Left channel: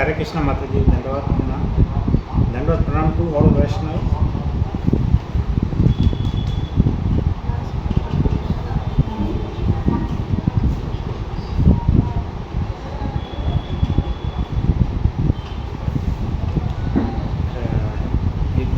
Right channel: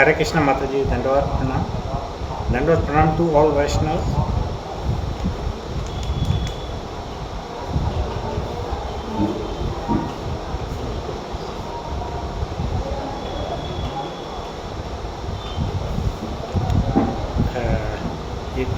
Hare Krishna Mataji, Dandavat Pranam. Dandavat Pranam to all Vaishnavas. It,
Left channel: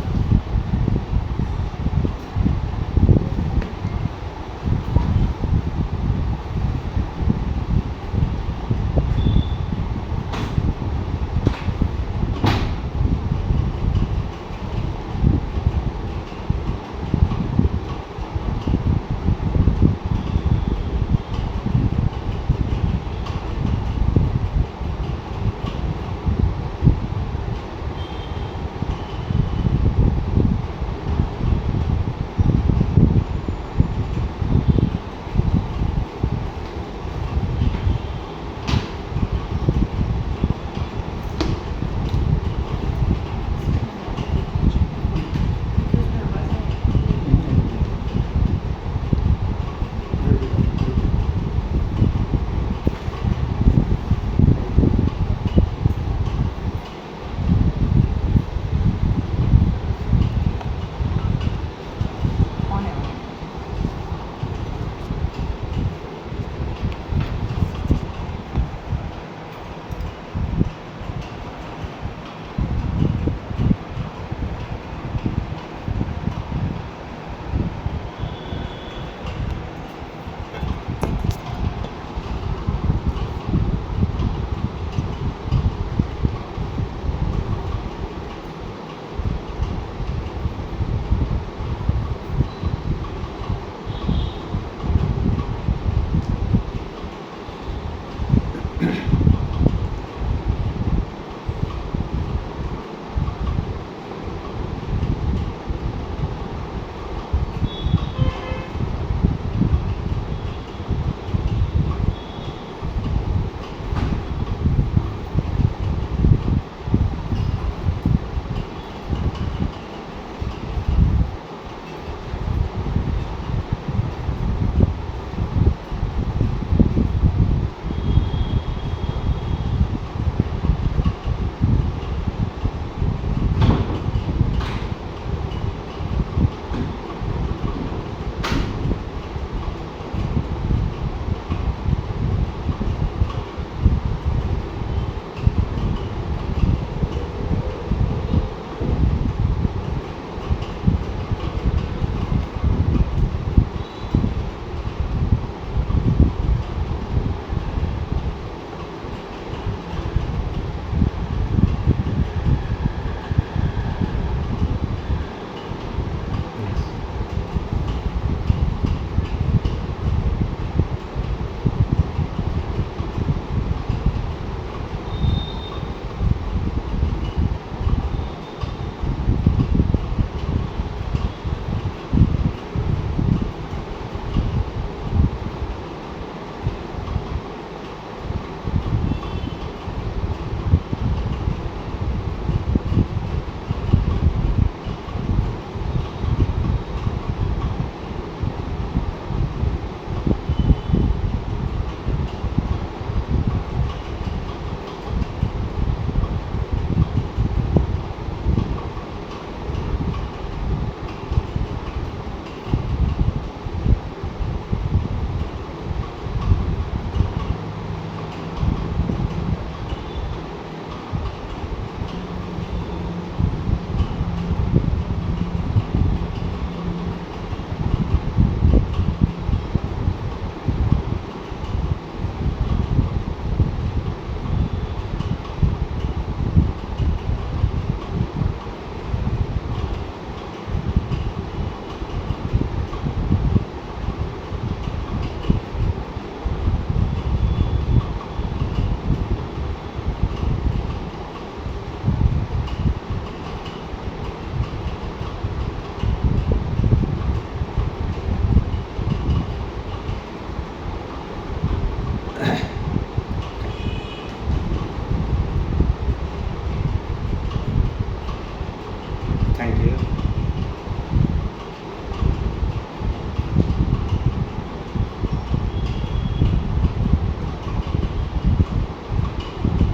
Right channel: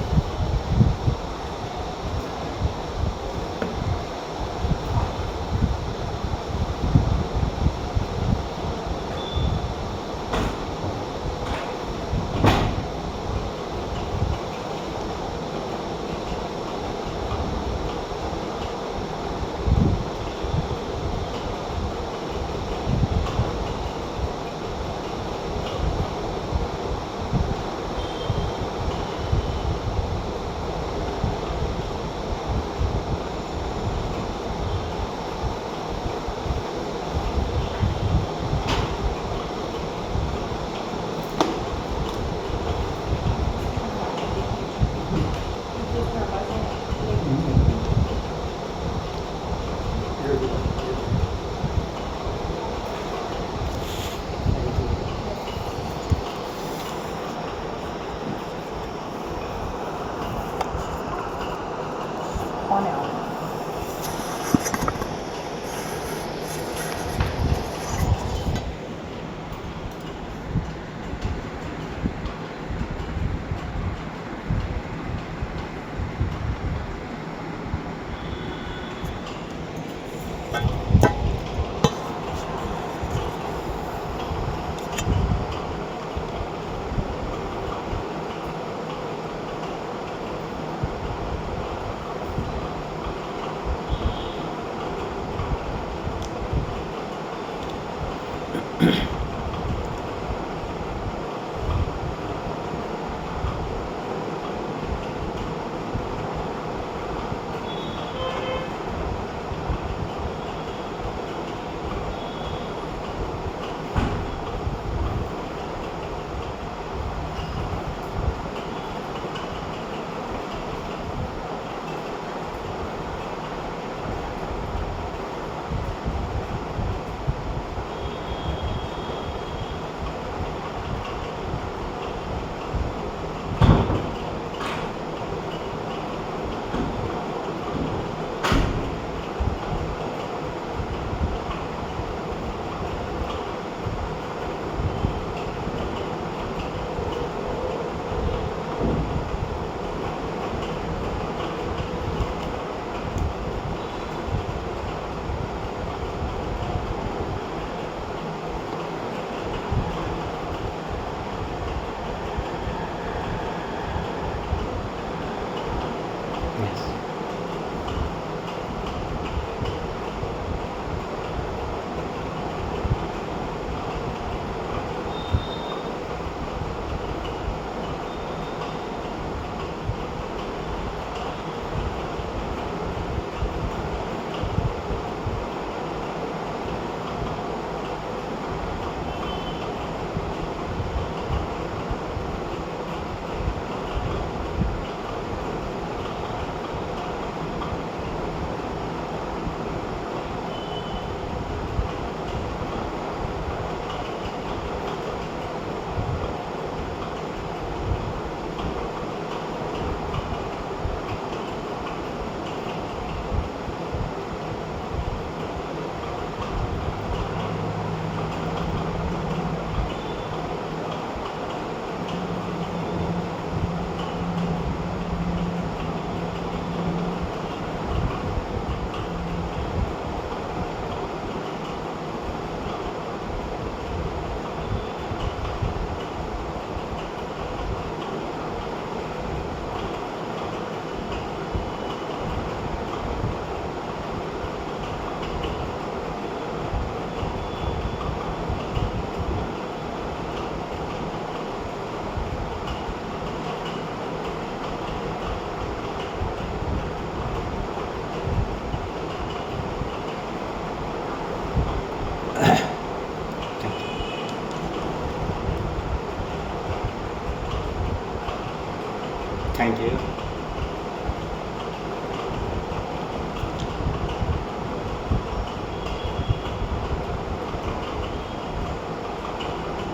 thank you.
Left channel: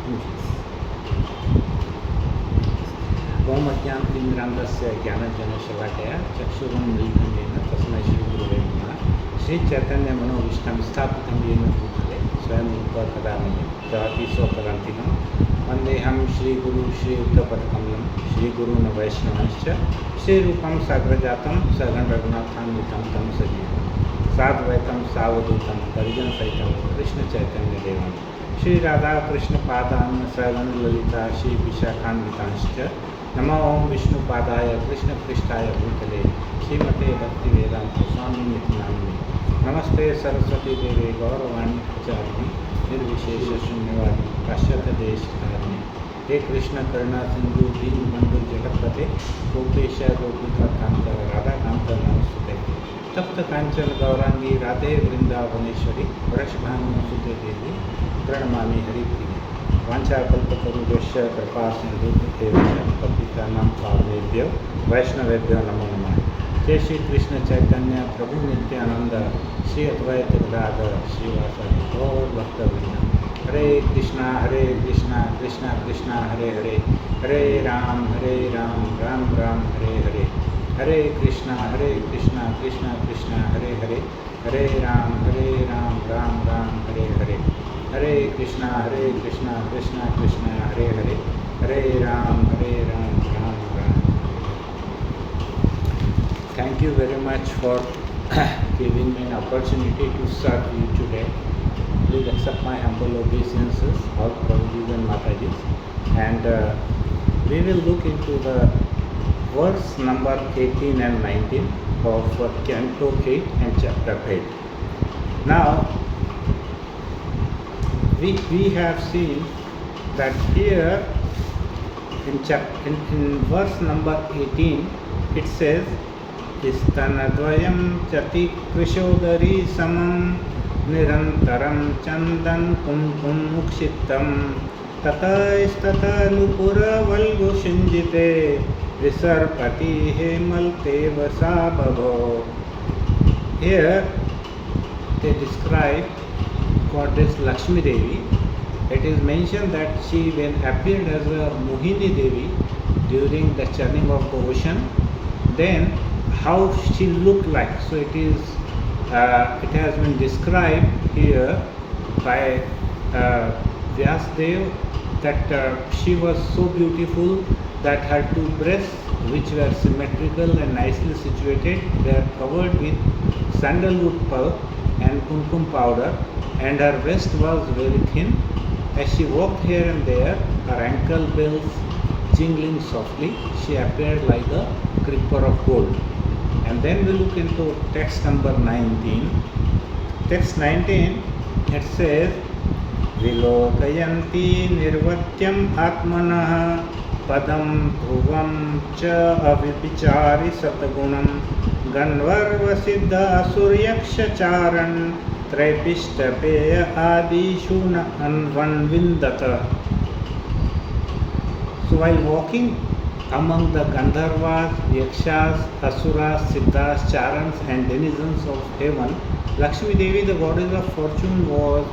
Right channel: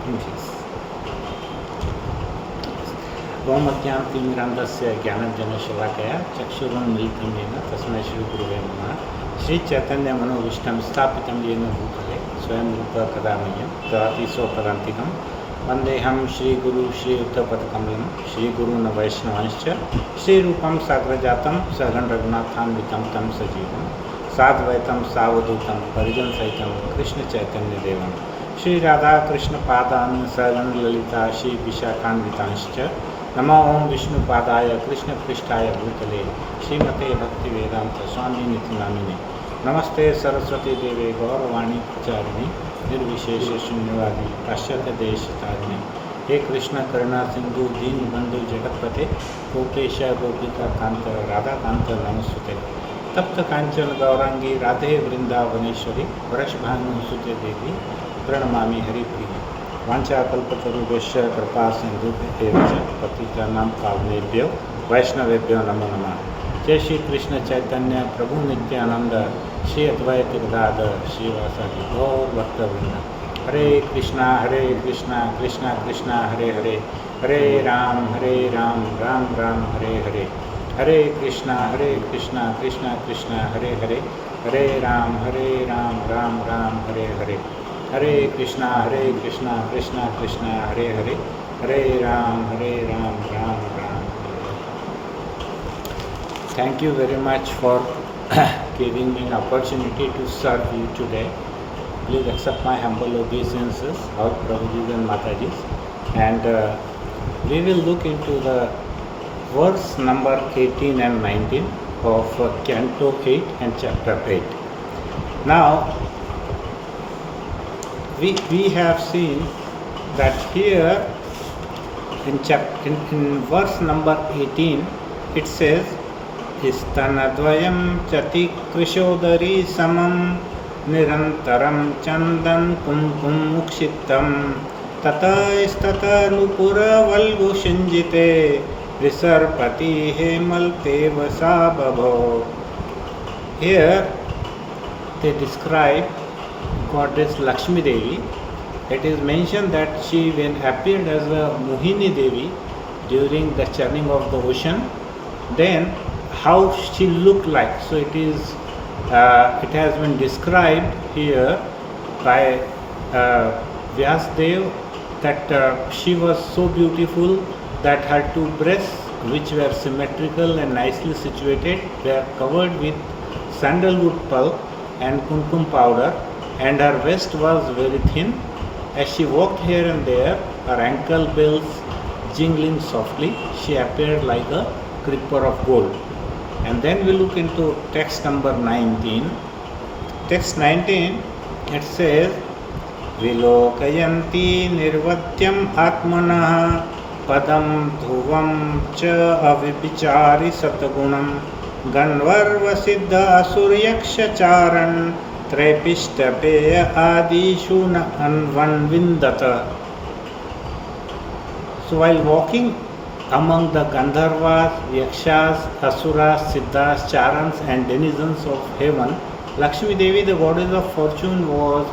Yes. ओमज्ञानतिमिरान्धस्य ज्ञानञ्जनशलाकया चक्षुरुन्मीलितं येन तस्मै श्रीगुरुवे नमः। श्रीचैतन्यमनोभीष्टं स्थापितं येन भूतले स्वयं रूपः कदा मह्यं ददाति स्वपदान्तिकं। वन्देऽहं श्रीगुरु श्रीयुक्तपदकमलं श्रीगुरून् वैष्णवांश्च श्रीरूपं साग्रजातं सघन रघुनाथान्वितं तं सजीवं साद्वैतं सावधूतं परिजनसहितं कृष्णचैतन्यदेवं श्री राधा कृष्ण पादान सगन ललिता श्री विशाखान्वितांश्च। नमो ओं विष्णुपादाय कृष्ण पृष्ठाय भूतले श्रीमते भक्ति वेदांत स्वामी निति नामिने। नमस्ते सरस्वती देवे गौरवाणी प्रचारिणी निर्विशेष शून्यवादी पाश्चात्य देशतारिणी। हे कृष्ण करुणा सिंधु दीन बंधु जगतपते गोपेश गोपिका कांत राधा कांत नमस्ते। तप्त कांचन गौरांगी राधे वृंदावनेश्वरी वृषभानुसुते देवी प्रणमामि हरिप्रिय। वाञ्छाकल्पतरुभ्यश्च कृपा सिन्धुभ्येव च पतितानां पावनेभ्यो वैष्णवेभ्यो नमो नमः। जय श्री कृष्ण चैतन्य प्रभु नित्यानंद श्री अद्वैत गदाधर श्रीवासादि गौर भक्तवृंद। Hare Krishna Krishna Krishna Hare Hare Hare Rama Rama Rama Hare Hare. Hare Krishna Krishna Krishna Hare Hare Hare Rama Rama Rama Hare Hare. Hare Krishna Krishna Krishna Hare Hare Hare Rama Rama Rama. Thank you very much for giving me an opportunity to serve you today. Please accept my humble obeisances, all Prabhujis and Matajis. And we will look into the verse number 18 and 19 of Canto 8 and Chapter 8. Now, we have seen that here in verse number 18 it says Istanadvayam chati krishodari samam nirantaram chandan kumkum mukshittam tata istata nupura valgu shinjite visarpati hemalte vasabhavo. Here they describe goddess Lakshmi Devi. It is mentioned that she when appeared as a Mohini Devi during the churning of the ocean, then how she looked like. So it has been described here by Vyasdev that she was so beautiful that her two breasts, which were symmetrical and nicely situated, were covered with sandalwood pulp and kumkum powder, and her waist was very thin. As she walked here and there, her ankle bells jingling softly, she appeared like a creeper of gold. And then we look into text number 19. Text 19, it says, Vilokayanti nirvatyam atmanah padam dhuvam cha avipichari satagunam ganvarva siddha suryaksha charan Traipishthapeya adishu anvanvindata. So while walking among the Gandharvas, Yakshas, Asuras, Siddhas, Charans and denizens of heaven, Lakshmi Devi, the goddess of fortune, was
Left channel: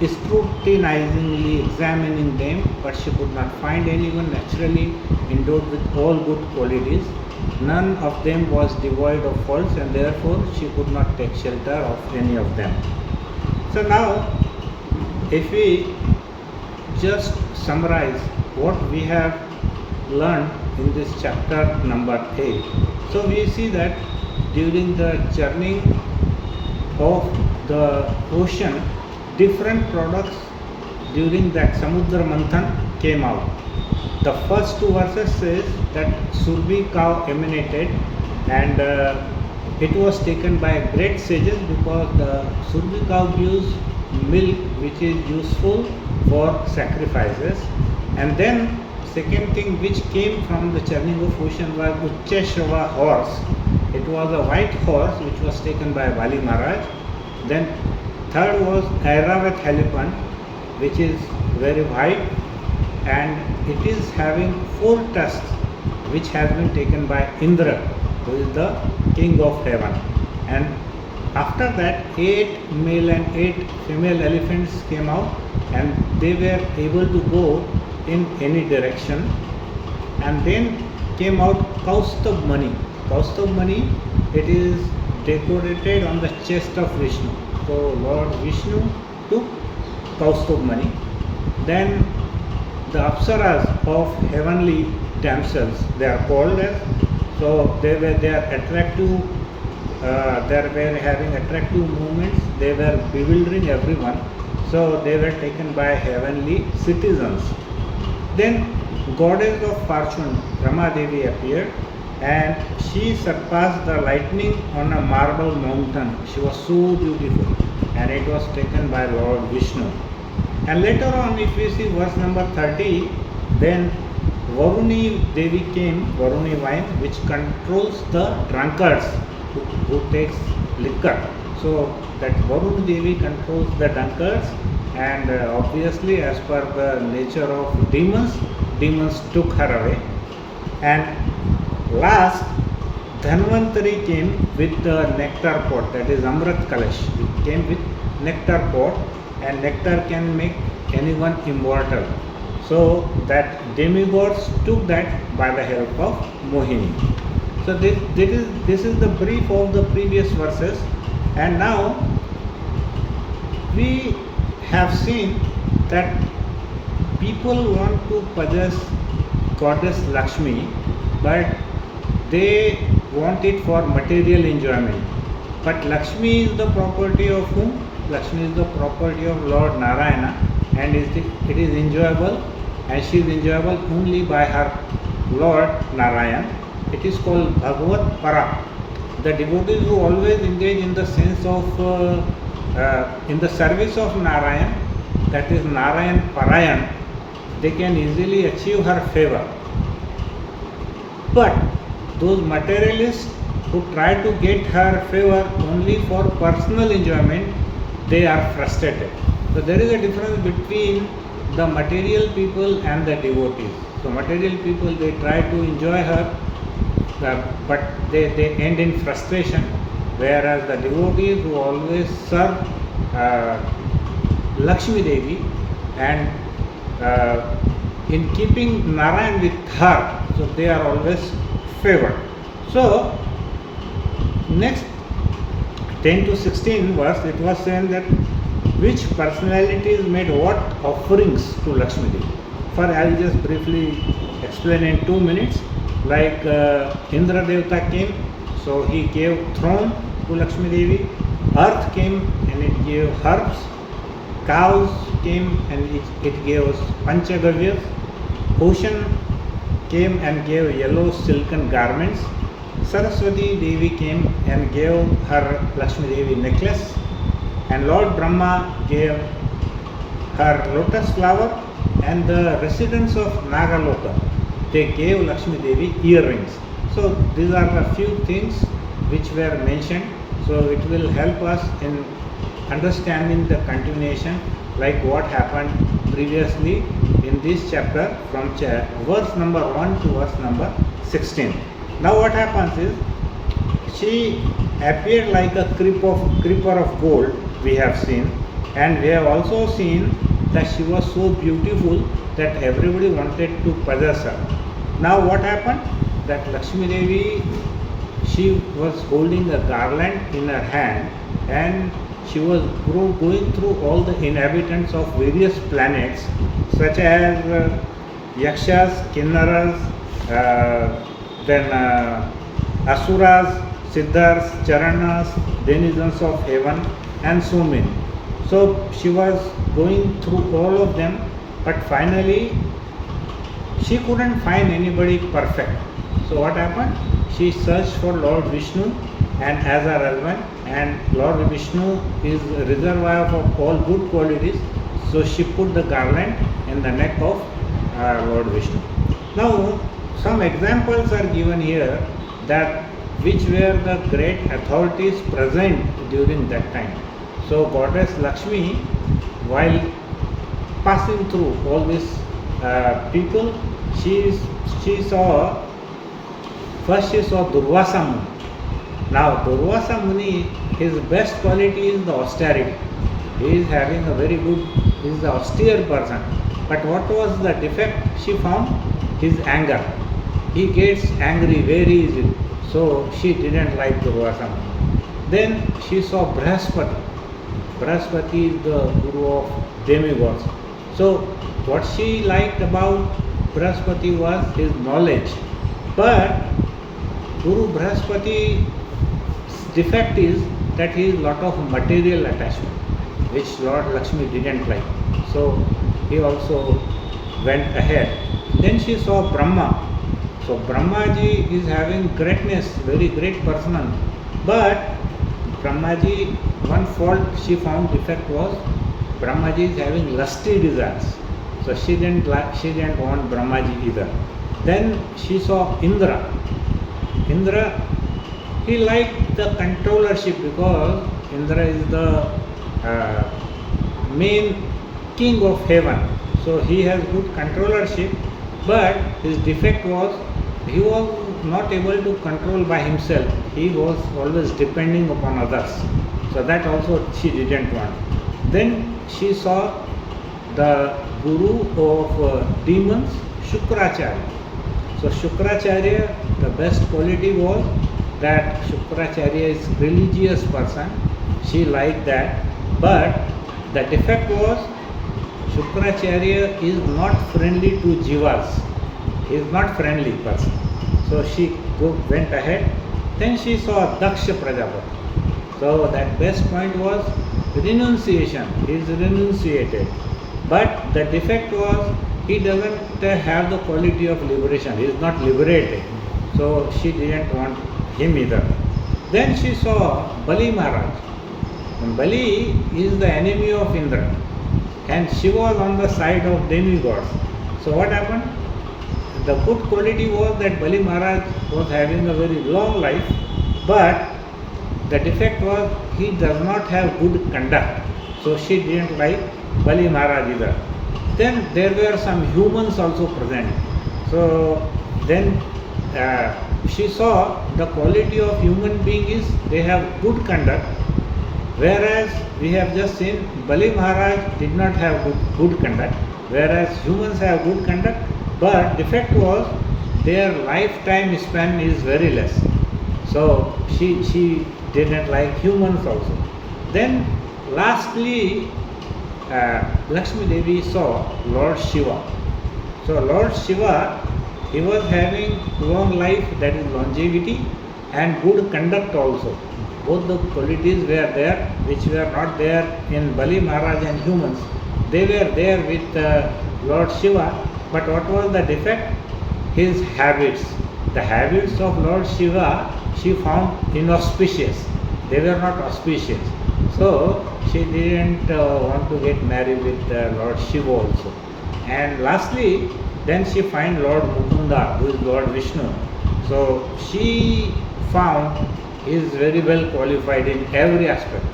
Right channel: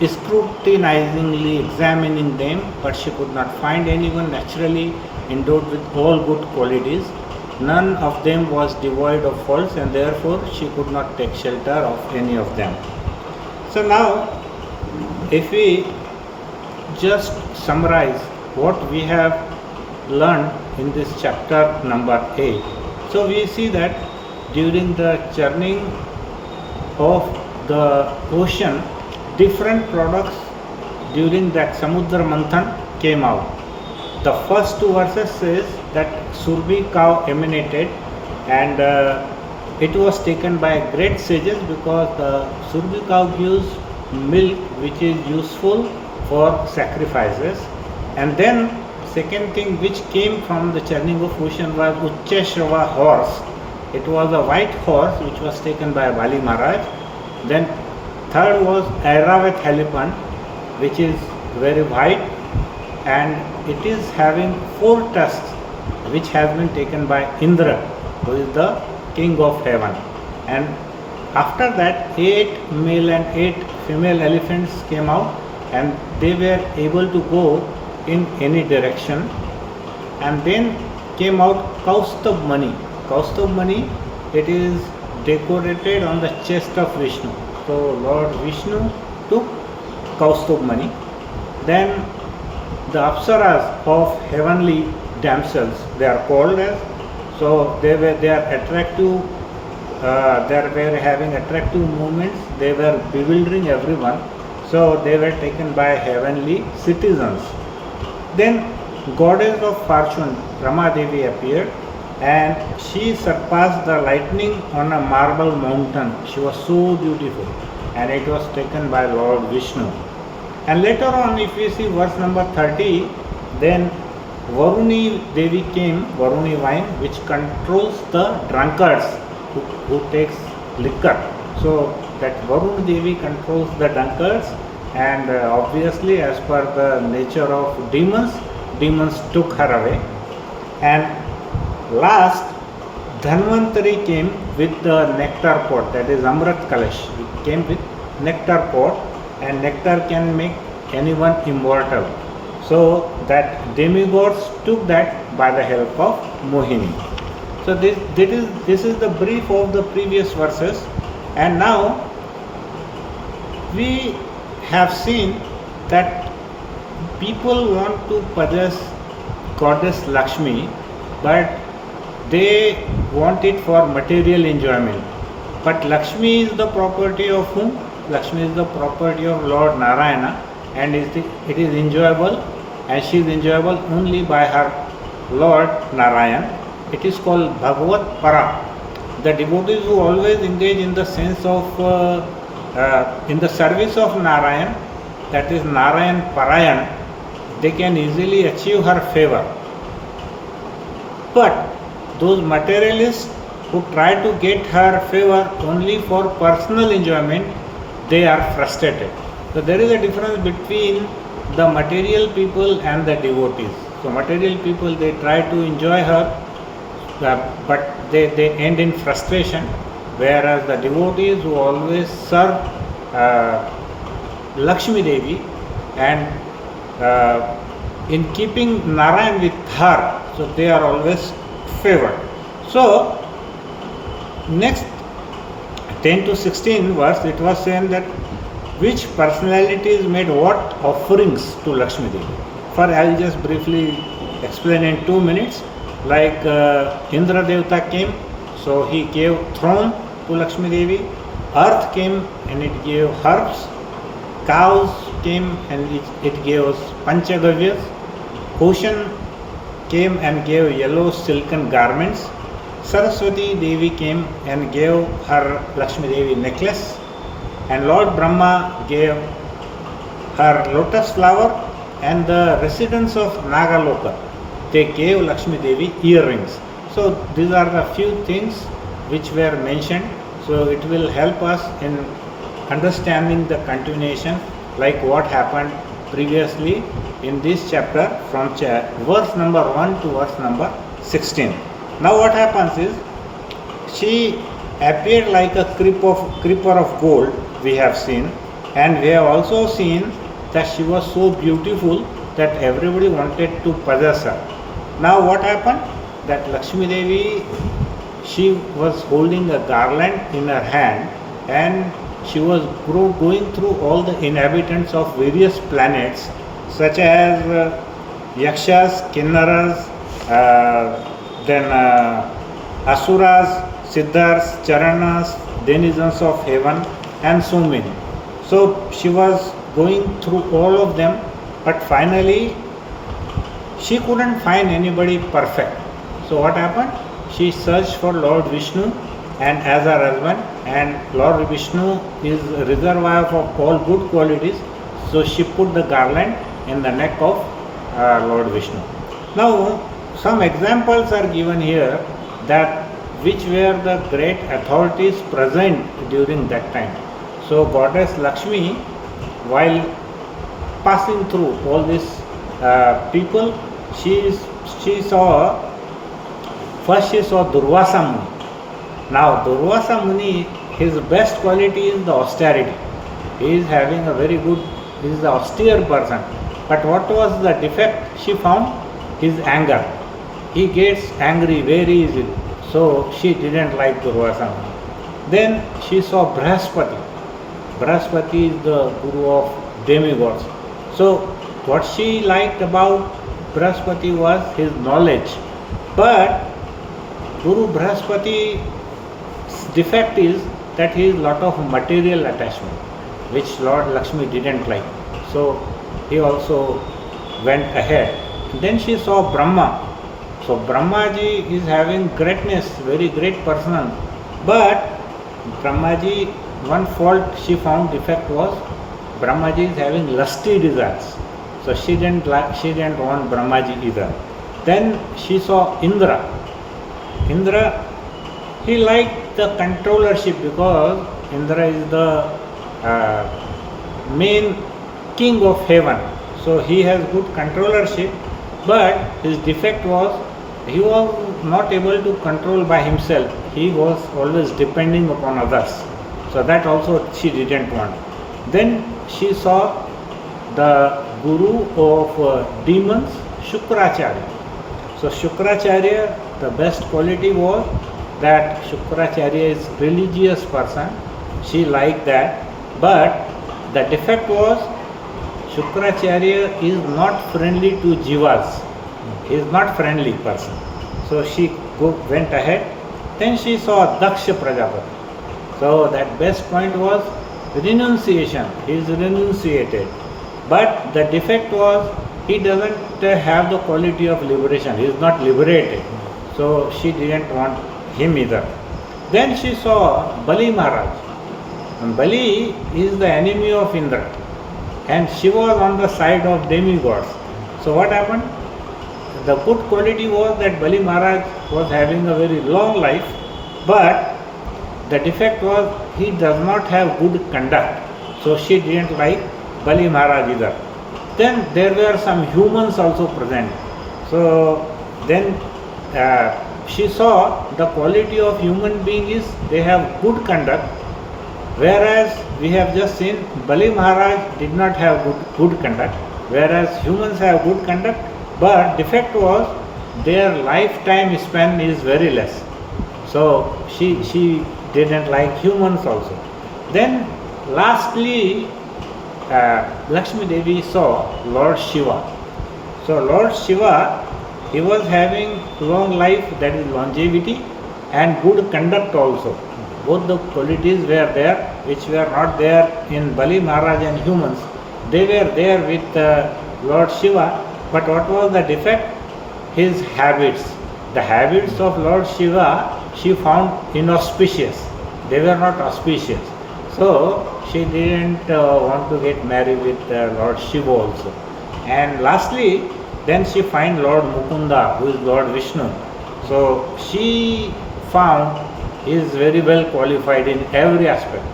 scrutinizingly examining them, but she could not find anyone naturally endowed with all good qualities. None of them was devoid of faults, and therefore she could not take shelter of any of them. So now, if we just summarize what we have learned in this chapter number 8, so we see that during the churning of the ocean, different products during that Samudra Manthan came out. The first two verses says that Surbi cow emanated, and it was taken by great sages because the Surbi cow gives milk which is useful for sacrifices. And then second thing which came from the churning of ocean was Uchchashrava horse. It was a white horse which was taken by Bali Maharaj. Then third was Airavat elephant, which is very white and it is having 4 tusks, which has been taken by Indra, who is the king of heaven. And after that 8 male and 8 female elephants came out, and they were able to go in any direction. And then came out Kaustubh Mani. Kaustubh Mani, it is decorated on the chest of Vishnu. So Lord Vishnu took Kaustubh Mani. Then the Apsaras of heavenly damsels, they are called as, so they are attractive, they were having attractive movements, they were bewildering everyone, so they were taken by heavenly citizens. Then goddess of fortune Rama Devi appeared, and she surpassed the lightning on a marble mountain. She was so beautiful, and it was taken by Lord Vishnu. And later on, if we see verse number 30, then Varuni Devi came, Varuni wine, which controls the drunkards who takes liquor. So that Varuni Devi controls the drunkards, and obviously as per the nature of demons, demons took her away. And last, Dhanvantari came with the nectar pot, that is Amrit Kalash. It came with nectar pot, and nectar can make anyone immortal. So that demigods took that by the help of Mohini. So this is the brief of the previous verses, and now we have seen that people want to possess goddess Lakshmi, but they want it for material enjoyment. But Lakshmi is the property of whom? Lakshmi is the property of Lord Narayana, and it is enjoyable, and she is enjoyable only by her Lord Narayan. It is called Bhagavat Para. The devotees who always engage in the sense of, in the service of Narayan, that is Narayan Parayan, they can easily achieve her favor. But those materialists who try to get her favor only for personal enjoyment, they are frustrated. So there is a difference between the material people and the devotees. So material people, they try to enjoy her, but they end in frustration, whereas the devotees who always serve Lakshmi Devi and in keeping Narayan with her, so they are always favored. So next 10 to 16 verse, it was saying that which personalities made what offerings to Lakshmi Devi. For I will just briefly explain in 2 minutes. Like Indra Devata came, so he gave throne to Lakshmi Devi. Earth came and it gave herbs. Cows came and it gave Panchagavyas. Ocean came and gave yellow silken garments. Saraswati Devi came and gave her Lakshmi Devi necklace, and Lord Brahma gave her lotus flower, and the residents of Nagaloka, they gave Lakshmi Devi earrings. So these are the few things which were mentioned. So it will help us in understanding the continuation, like what happened previously in this chapter from verse number 1 to verse number 16. Now what happens is, she appeared like a creeper of gold, we have seen, and we have also seen that she was so beautiful that everybody wanted to possess her. Now what happened? That Lakshmi Devi, she was holding a garland in her hand, and she was going through all the inhabitants of various planets, such as Yakshas, Kinnaras, then Asuras, Siddhars, Charanas, denizens of heaven, and so many. So she was going through all of them, but finally she couldn't find anybody perfect. So what happened? She searched for Lord Vishnu and as her husband, and Lord Vishnu is a reservoir of all good qualities. So she put the garland in the neck of Lord Vishnu. Now some examples are given here that which were the great authorities present during that time. So Goddess Lakshmi, while passing through all these people, she saw Durvasa Muni. Now Durvasa Muni, his best quality is the austerity. He is having a very good, he is the austere person. But what was the defect she found? His anger. he gets angry very easily. So she didn't like Durvasana. Then she saw Brahaspati. Brahaspati is the guru of demigods. So what she liked about Brahaspati was his knowledge. But Guru Brahaspati's defect is that he has lot of material attachment, which Lord Lakshmi didn't like. So he also went ahead. Then she saw Brahma. So Brahmaji is having greatness, very great person. But Brahmaji, one fault she found defect was Brahmaji is having lusty desires. So she didn't want Brahmaji either. Then she saw Indra. Indra, he liked the controllership because Indra is the main king of heaven. So he has good controllership, but his defect was he was not able to control by himself. He was always depending upon others. So that also she didn't want. Then she saw the guru of demons, Shukracharya. So Shukracharya, the best quality was that Shukracharya is religious person. She liked that. But the defect was Shukracharya is not friendly to jivas. He is not friendly person. So she went ahead. Then she saw Daksha Prajapati. So that best point was renunciation. He is renunciated. But the defect was he doesn't have the quality of liberation. He is not liberated. So she didn't want him either. Then she saw Bali Maharaj. And Bali is the enemy of Indra. And she was on the side of demigods. So what happened? The good quality was that Bali Maharaj was having a very long life, but the defect was he does not have good conduct. So she didn't like Bali Maharaj either. Then there were some humans also present. So then she saw the quality of human being is they have good conduct, whereas we have just seen Bali Maharaj did not have good conduct, whereas humans have good conduct, but defect was their lifetime span is very less. So she didn't like humans also. Then lastly, Lakshmi Devi saw Lord Shiva. So Lord Shiva, he was having long life, that is longevity, and good conduct also. Both the qualities were there, which were not there in Bali Maharaj and humans. They were there with Lord Shiva, but what was the defect? His habits. The habits of Lord Shiva she found inauspicious. They were not auspicious. So she didn't want to get married with Lord Shiva also. And lastly, then she find Lord Mukunda, who is Lord Vishnu. So she found he is very well qualified in every aspect.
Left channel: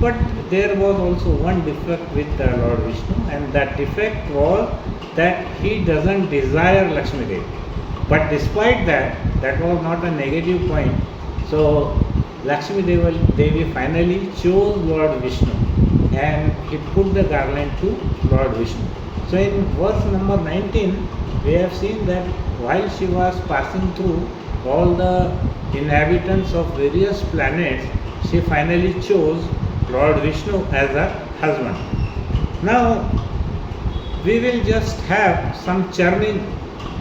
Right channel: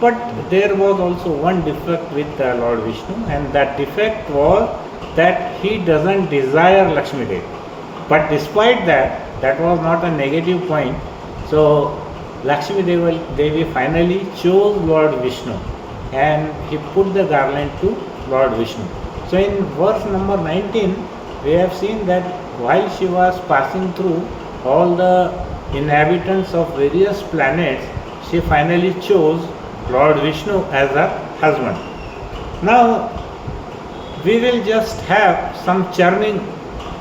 But there was also one defect with Lord Vishnu, and that defect was that he doesn't desire Lakshmi Devi. But despite that, that was not a negative point. So Lakshmi Devi finally chose Lord Vishnu, and he put the garland to Lord Vishnu. So in verse number 19, we have seen that while she was passing through all the inhabitants of various planets, she finally chose Lord Vishnu as her husband. Now we will just have some churning.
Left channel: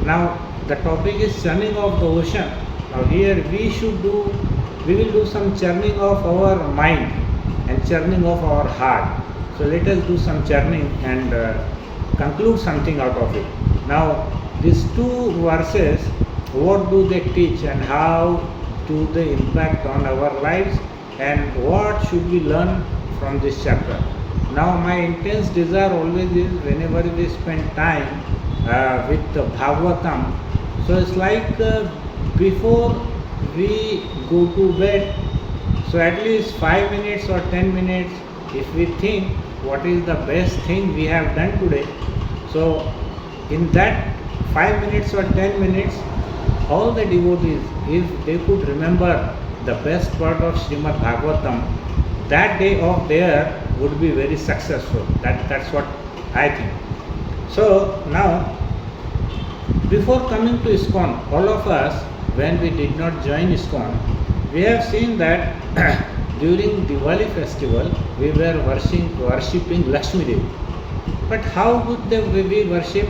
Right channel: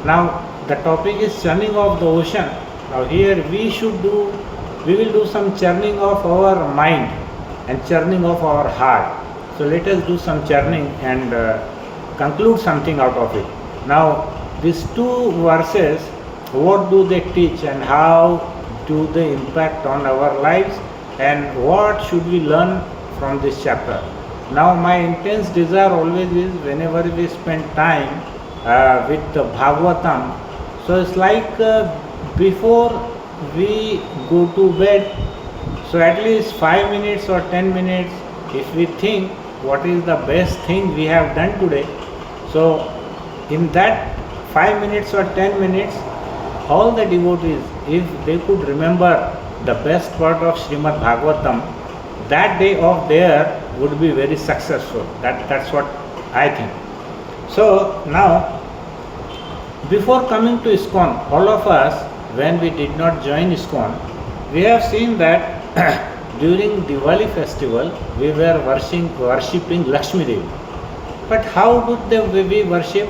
Now the topic is churning of the ocean. Now here we will do some churning of our mind and churning of our heart. So let us do some churning and conclude something out of it. Now these two verses, what do they teach and how do they impact on our lives, and what should we learn from this chapter? Now my intense desire always is whenever we spend time with the Bhagavatam, so it's like before we go to bed, so at least 5 minutes or 10 minutes, if we think what is the best thing we have done today, so in that 5 minutes or 10 minutes, all the devotees, if they could remember the best part of Srimad Bhagavatam, that day of their would be very successful. That's what I think. So now Before coming to ISKCON, all of us, when we did not join ISKCON, we have seen that during Diwali festival, we were worshipping Lakshmi Devi. But how would we worship?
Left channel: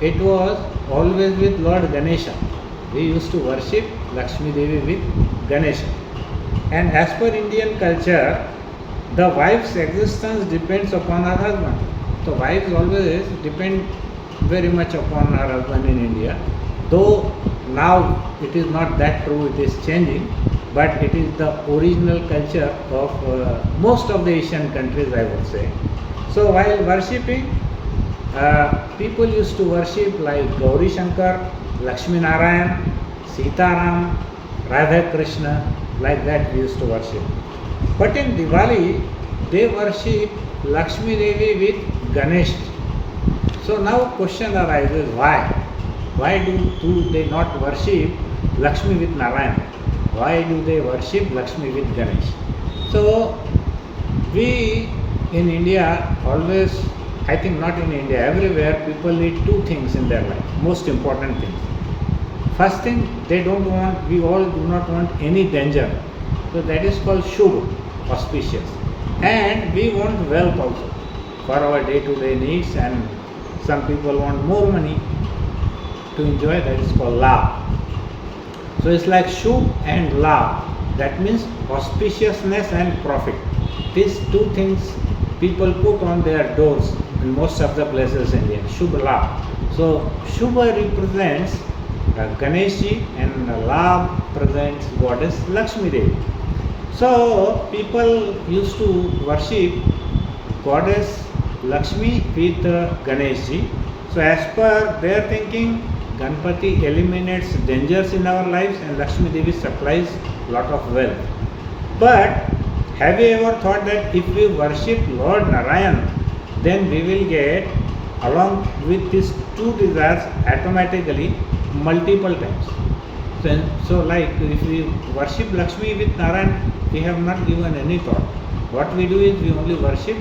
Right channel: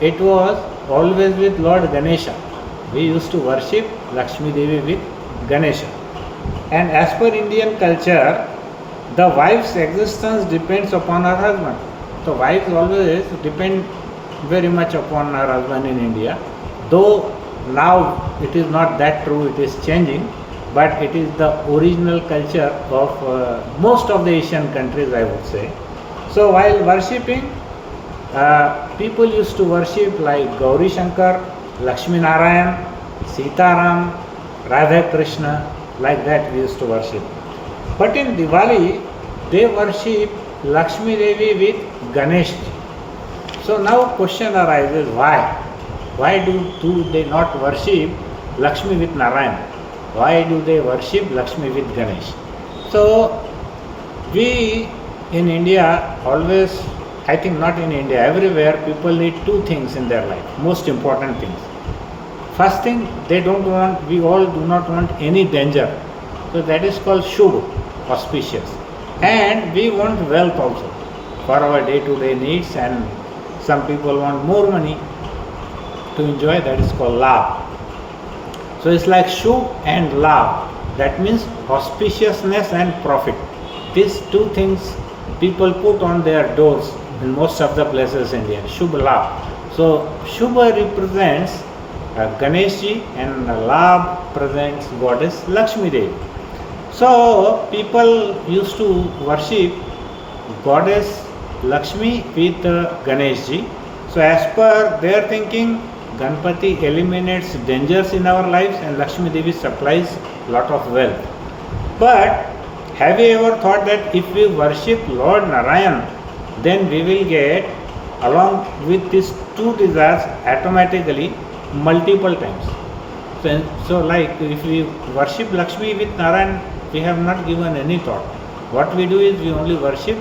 It was always with Lord Ganesha. We used to worship Lakshmi Devi with Ganesha. And as per Indian culture, the wife's existence depends upon her husband. So wives always depend very much upon her husband in India. Though now it is not that true, it is changing, but it is the original culture of most of the Asian countries, I would say. So while worshipping, people used to worship like Gauri Shankar, Lakshmi Narayan, Sita Ram, Radha Krishna, like that we used to worship. But in Diwali, they worship Lakshmi Devi with Ganesh. So now question arises, why? Why do they not worship Lakshmi with Narayan? Why do they worship Lakshmi with Ganesh? So we in India always, I think not in India, everywhere people need two things in their life, most important things. First thing, we all do not want any danger. So that is called Shubh, auspicious. And we want wealth also for our day-to-day needs, and some people want more money to enjoy, that is called Labh. So it's like Shubh and Labh, that means auspiciousness and profit. These two things people put on their doors in most of the places in India, Shubh Labh. So Shubha represents Ganeshji and Labh presents goddess Lakshmi Devi. So people used to worship goddess Lakshmi with Ganeshji. So as per their thinking, Ganpati eliminates dangers in our lives and Lakshmi Devi supplies lot of wealth. But have you ever thought that if we worship Lord Narayan, then we will get along with these two desires automatically multiple times? So like if we worship Lakshmi with Narayan, we have not given any thought. What we do is we only worship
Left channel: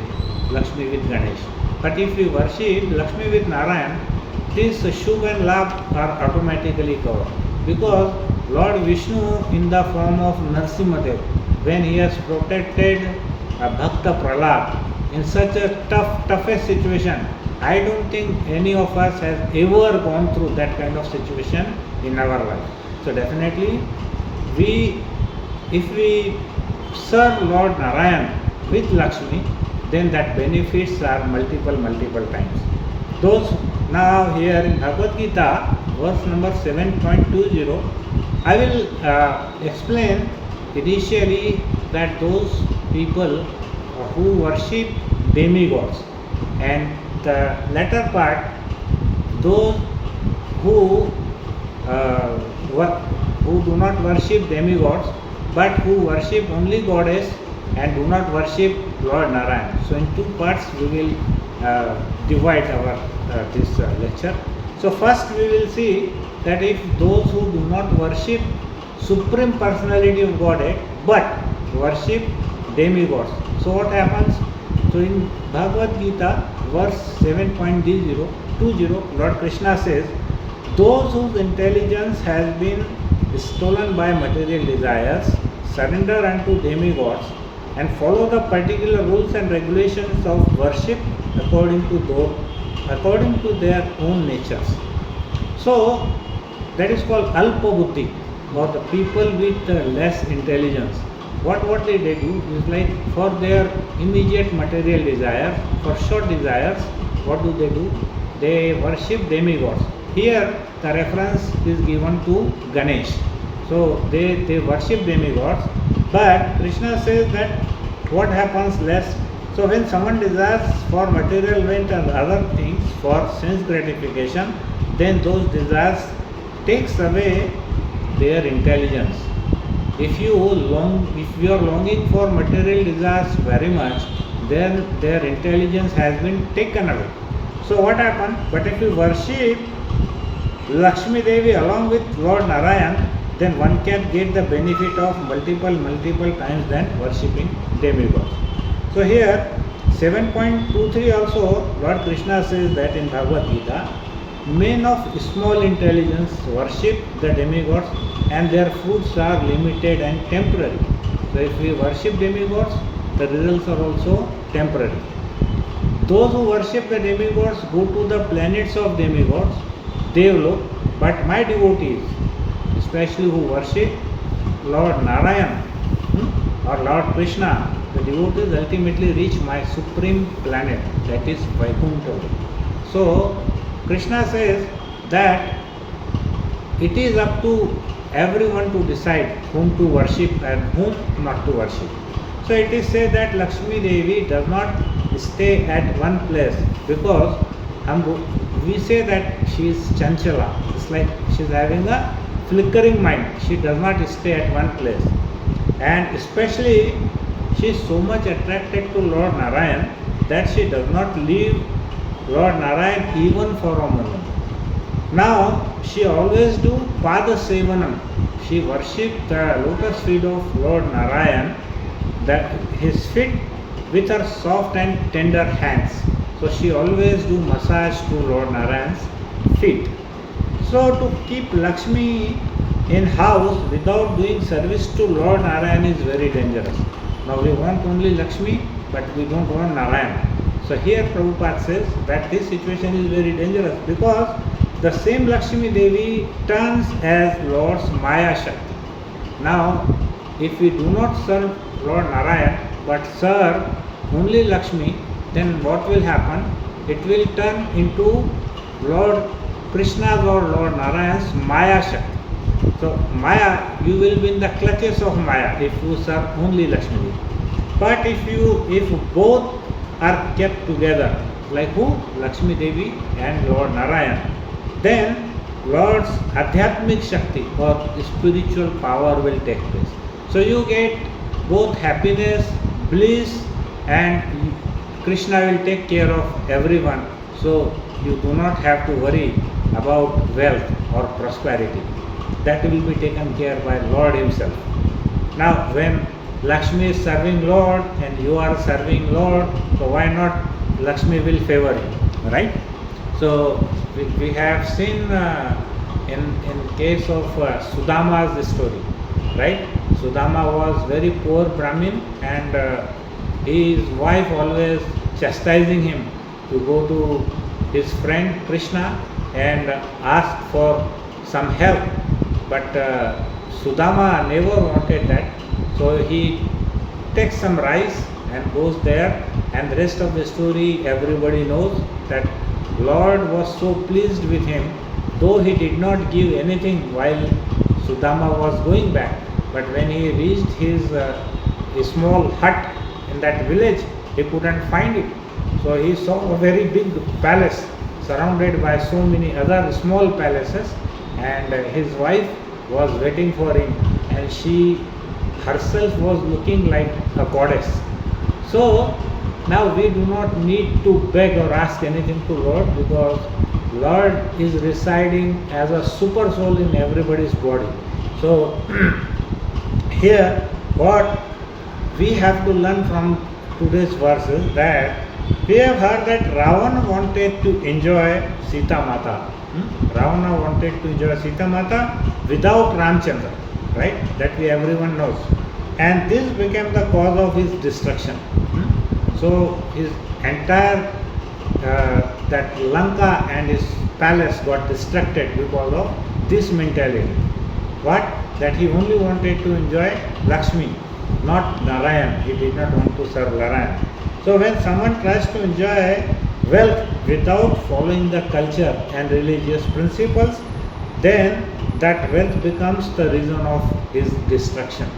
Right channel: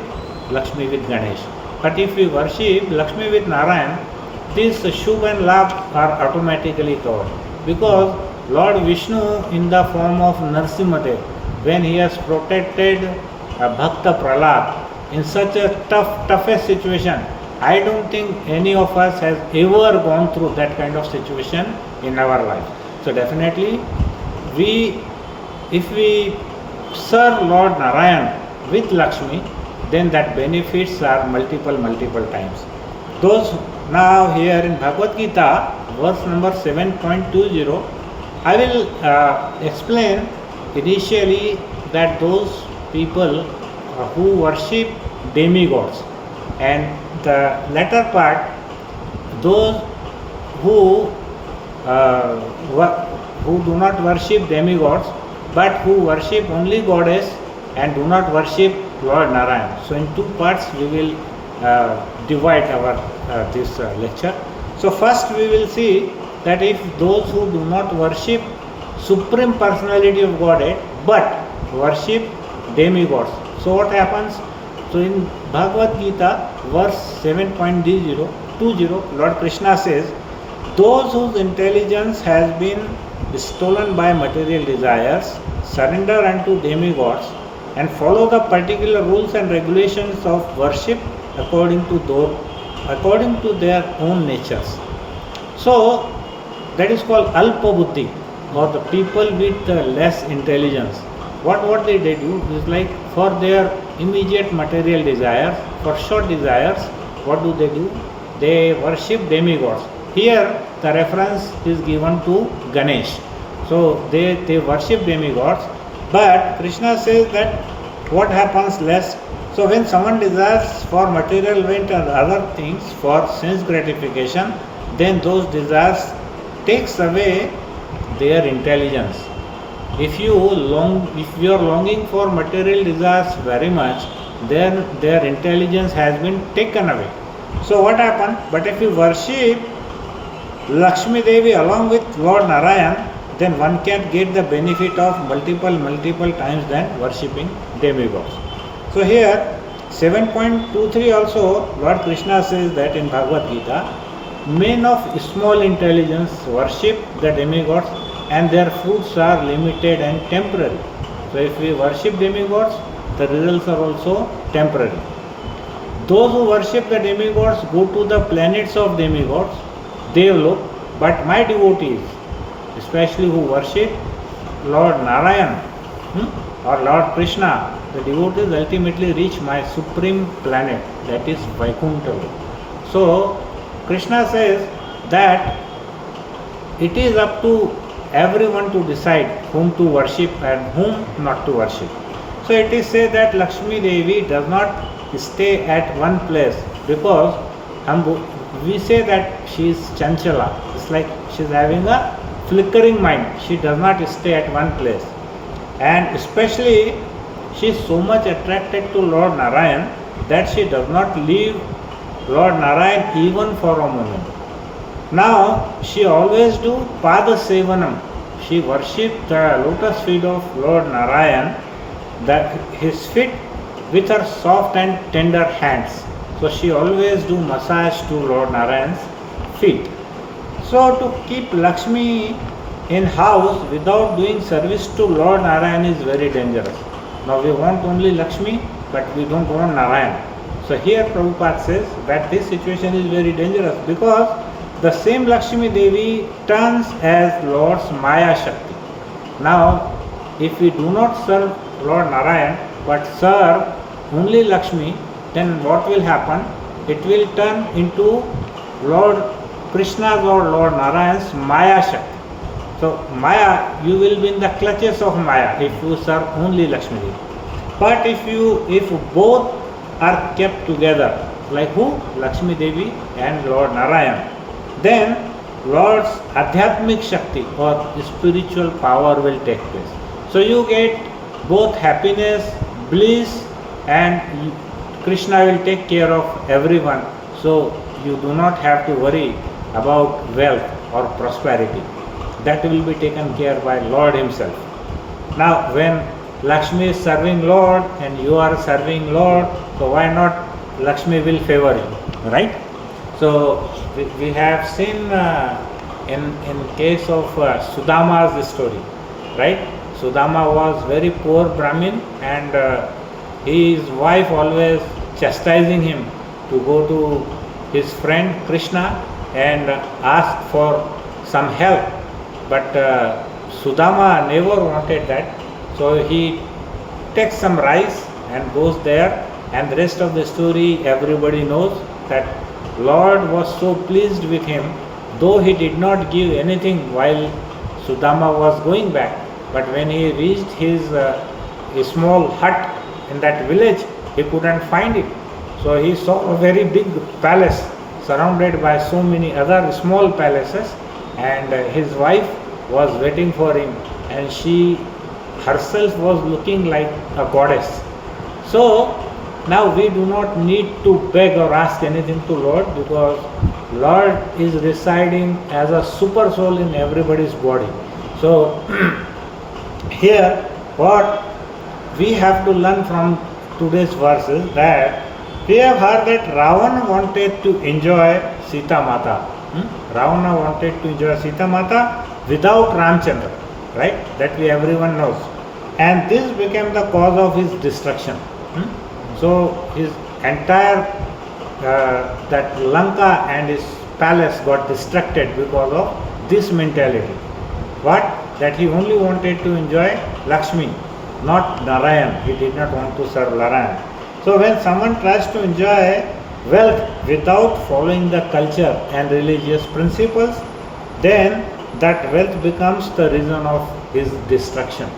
Lakshmi with Ganesh. But if we worship Lakshmi with Narayan, these Shubh and Labh are automatically covered. Because Lord Vishnu in the form of Narsimhadev, when he has protected Bhakta Prahlad in such a toughest situation, I don't think any of us has ever gone through that kind of situation in our life. So definitely, if we serve Lord Narayan with Lakshmi, then that benefits are multiple times. Those now here in Bhagavad Gita, verse number 7.20, I will explain initially that those people who worship demigods, and the latter part, those who do not worship demigods but who worship only goddess and do not worship Lord Narayan. So in two parts we will divide our this lecture. So first we will see that if those who do not worship Supreme Personality of Godhead but worship demigods, so what happens? So in Bhagavad Gita, verse 7.20, Lord Krishna says, those whose intelligence has been stolen by material desires surrender unto demigods and follow the particular rules and regulations of worship according to their own natures. So that is called Alpa Buddhi, or the people with less intelligence. What they do is like for their immediate material desires, for short desires, what do? They worship demigods. Here the reference is given to Ganesh. So they worship demigods, but Krishna says that what happens less. So when someone desires for material wealth and other things for sense gratification, then those desires takes away their intelligence. If you are longing for material desires very much, then their intelligence has been taken away. So what happened? But if you worship Lakshmi Devi along with Lord Narayan, then one can get the benefit of multiple times than worshipping demigods. So here 7.23 also Lord Krishna says that in Bhagavad Gita, Men of small intelligence worship the demigods, and their fruits are limited and temporary. So if we worship demigods, the results are also temporary. Those who worship the demigods go to the planets of demigods, Devlok, but my devotees, especially who worship Lord Narayan or Lord Krishna, the devotees ultimately reach my supreme planet, that is Vaikuntha. So Krishna says that it is up to everyone to decide whom to worship and whom not to worship. So it is said that Lakshmi Devi does not stay at one place because we say that she is chanchala. It's like she is having a flickering mind. She does not stay at one place. And especially she is so much attracted to Lord Narayan that she does not leave Lord Narayan even for a moment. Now she always do Pada Sevanam. She worships the lotus feet of Lord Narayan, his feet, with her soft and tender hands. So she always do massage to Lord Narayan's feet. So to keep Lakshmi in house without doing service to Lord Narayan is very dangerous. Now we want only Lakshmi, but we don't want Narayan. So here Prabhupada says that this situation is very dangerous because the same Lakshmi Devi turns as Lord's Maya Shakti. Now if we do not serve Lord Narayan but serve only Lakshmi, then what will happen? It will turn into Lord Krishna's or Lord Narayan's Maya Shakti. So Maya, you will be in the clutches of Maya if you serve only Lakshmi Devi. But if both are kept together, like who? Lakshmi Devi and Lord Narayan, then Lord's Adhyatmic Shakti or spiritual power will take place. So you get both happiness, bliss, and Krishna will take care of everyone. So you do not have to worry about wealth or prosperity. That will be taken care by Lord himself. Now when Lakshmi is serving Lord and you are serving Lord, so why not Lakshmi will favor you, right? So we have seen in case of Sudama's story, right? Sudama was very poor Brahmin and his wife always chastising him to go to his friend Krishna and ask for some help. But Sudama never wanted that. So he takes some rice and goes there, and the rest of the story everybody knows that Lord was so pleased with him, though he did not give anything while Sudama was going back. But when he reached his small hut in that village, he couldn't find it. So he saw a very big palace surrounded by so many other small palaces, and his wife was waiting for him, and she herself was looking like a goddess. So now we do not need to beg or ask anything to Lord, because Lord is residing as a super soul in everybody's body. So here what we have to learn from today's verses, that we have heard that Ravana wanted to enjoy Sita Mata. Ravana wanted to enjoy Sita Mata without Ramchandra, right? That we everyone knows. And this became the cause of his destruction. So his entire that Lanka and his palace got distracted because of this mentality. What? That he only wanted to enjoy Lakshmi, not Narayan. He did not want to serve Narayan. So when someone tries to enjoy wealth without following the culture and religious principles, then that wealth becomes the reason of his destruction.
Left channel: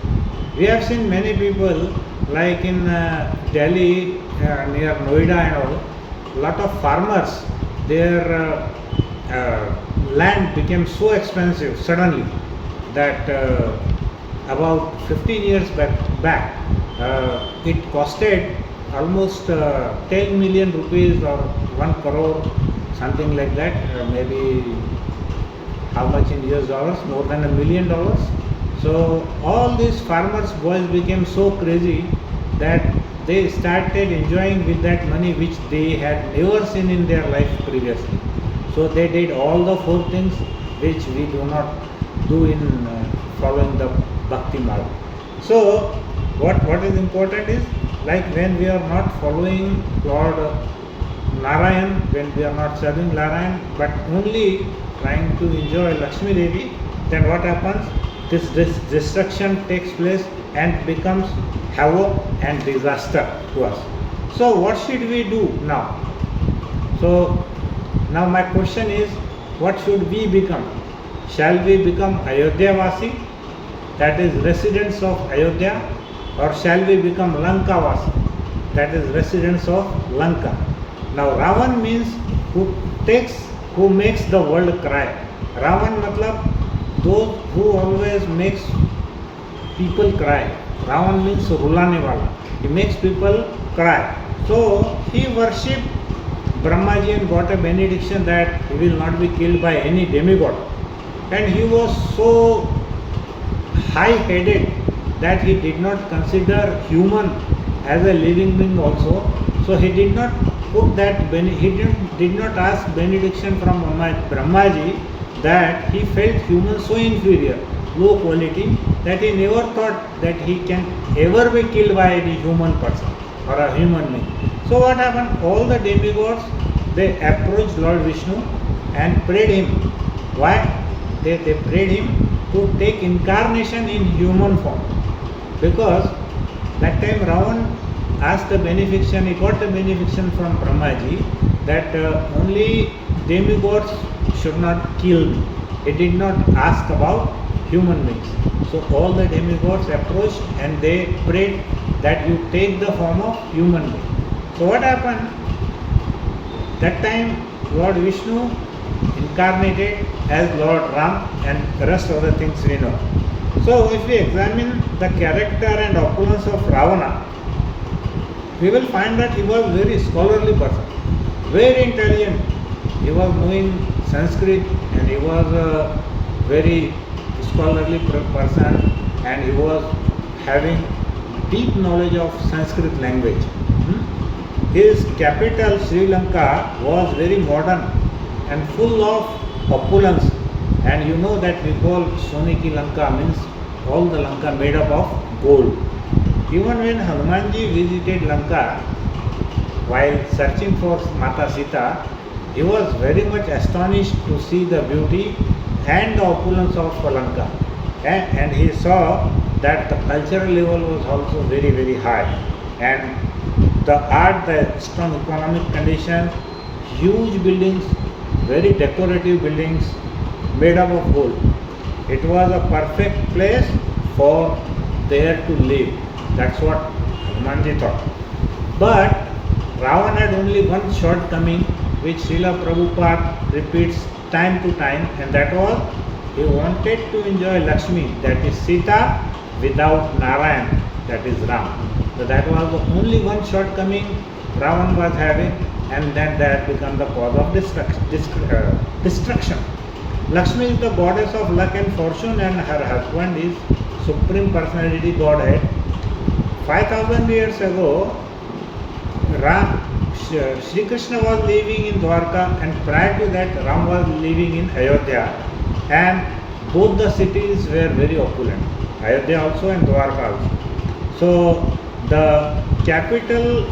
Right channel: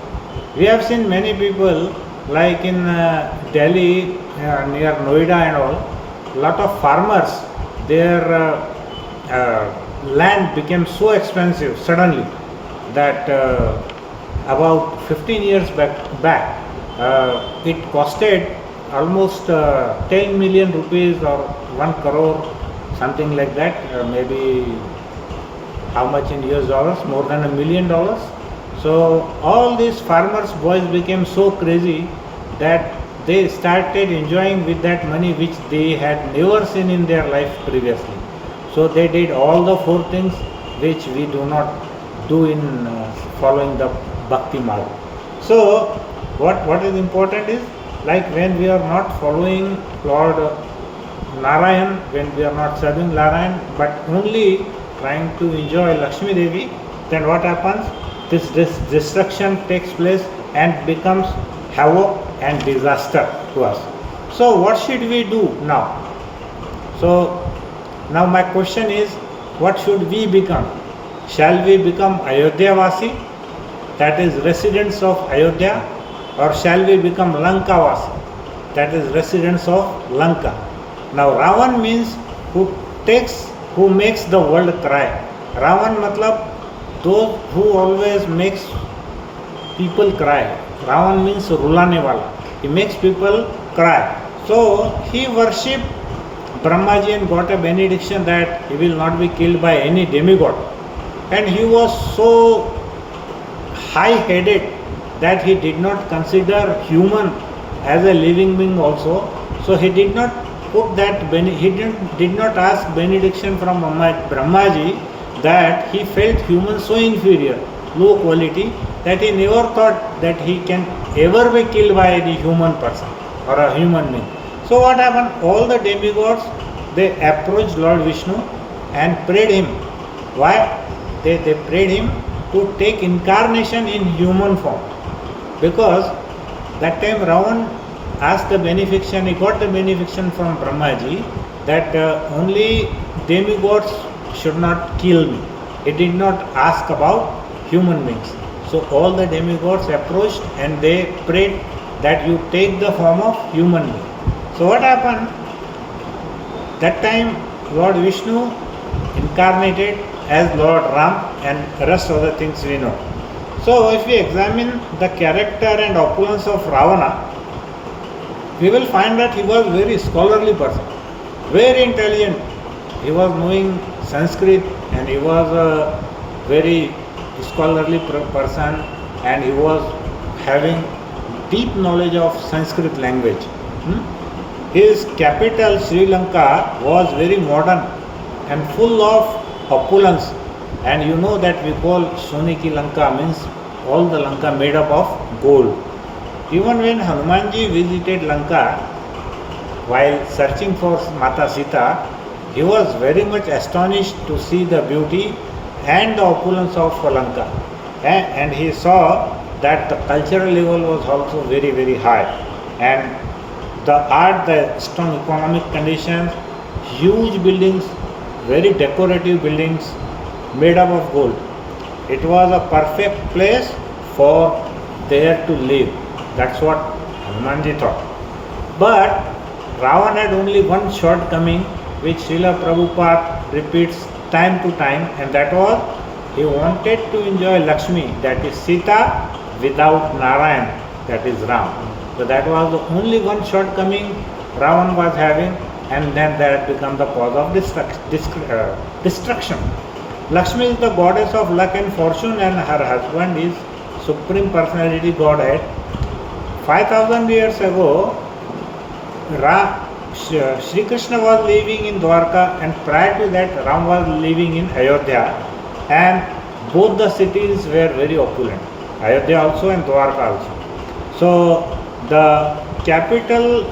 We have seen many people, like in Delhi, near Noida and all, lot of farmers, their land became so expensive suddenly that about 15 years back it costed almost 10 million rupees or 1 crore, something like that, maybe how much in US dollars, more than $1 million. So all these farmers boys became so crazy that they started enjoying with that money which they had never seen in their life previously. So they did all the 4 things which we do not do in following the bhakti marg. So what is important is, like when we are not following Lord Narayan, when we are not serving Narayan, but only trying to enjoy Lakshmi Devi, then what happens? This destruction takes place and becomes havoc and disaster to us. So what should we do now? So now my question is, what should we become? Shall we become Ayodhya Vasi, that is residents of Ayodhya, or shall we become Lanka Vasi, that is residents of Lanka? Now Ravan means who makes the world cry. Ravan matlab those who always makes people cry. Ravan means rulane wala. He makes people cry. So he worshipped Brahmaji and got a benediction that he will not be killed by any demigod. And he was so high-headed that he did not consider human as a living being also. So he did not put that, he did not ask benediction from Brahmaji, that he felt humans so inferior, low quality, that he never thought that he can ever be killed by any human person or a human being. So what happened? All the demigods, they approached Lord Vishnu and prayed him. Why? They prayed him to take incarnation in human form. Because that time Ravan asked the benefiction, he got the benefiction from Brahmaji that only demigods should not kill me. He did not ask about human beings. So all the demigods approached and they prayed that you take the form of human being. So what happened? That time Lord Vishnu incarnated as Lord Ram, and the rest of the things we know. So if we examine the character and opulence of Ravana, we will find that he was a very scholarly person, very intelligent. He was knowing Sanskrit and he was a very scholarly person, and he was having deep knowledge of Sanskrit language. His capital Sri Lanka was very modern and full of opulence, and you know that we call Soniki Lanka, means all the Lanka made up of gold. Even when Hanumanji visited Lanka while searching for Mata Sita, he was very much astonished to see the beauty and the opulence of Lanka, and he saw that the cultural level was also very, very high, and the art, the strong economic conditions, huge buildings, very decorative buildings made up of gold. It was a perfect place for there to live. That's what Hanumanji thought. But Ravan had only one shortcoming which Srila Prabhupada repeats time to time, and that was he wanted to enjoy Lakshmi, that is Sita, without Narayan, that is Ram. So that was the only one shortcoming Ravan was having, and then that became the cause of destruction. Lakshmi is the goddess of luck and fortune, and her husband is Supreme Personality Godhead. 5000 years ago, Sri Krishna was living in Dwarka, and prior to that Ram was living in Ayodhya, and both the cities were very opulent, Ayodhya also and Dwarka also. So the capital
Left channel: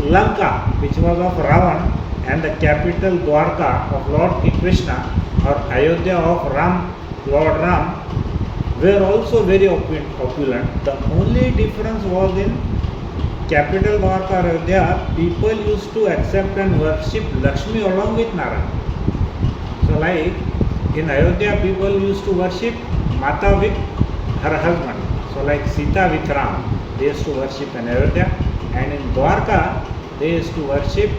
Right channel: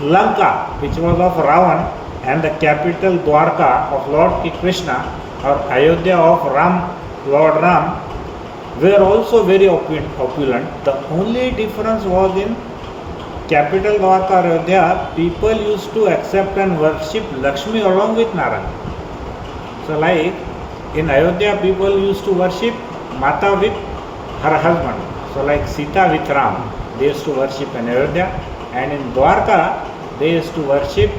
Lanka, which was of Ravan, and the capital Dwarka of Lord Krishna, or Ayodhya of Ram, Lord Ram, were also very opulent. The only difference was in capital Dwarka, Ayodhya, people used to accept and worship Lakshmi along with Narayan. So like in Ayodhya, people used to worship Mata with her husband. So like Sita with Ram, they used to worship in Ayodhya, and in Dwarka, they used to worship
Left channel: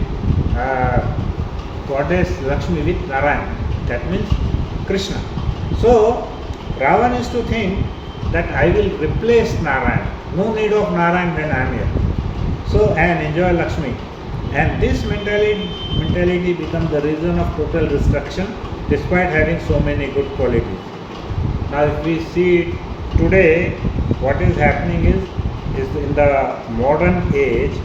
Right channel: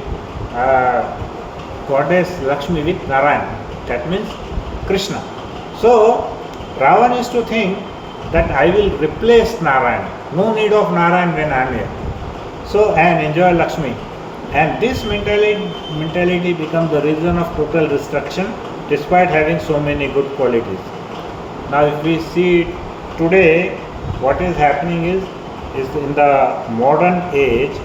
goddess Lakshmi with Narayan, that means Krishna. So Ravan used to think that I will replace Narayan, no need of Narayan when I am here. So and enjoy Lakshmi. And this mentality becomes the reason of total destruction despite having so many good qualities. Now if we see today, what is happening is in the modern age,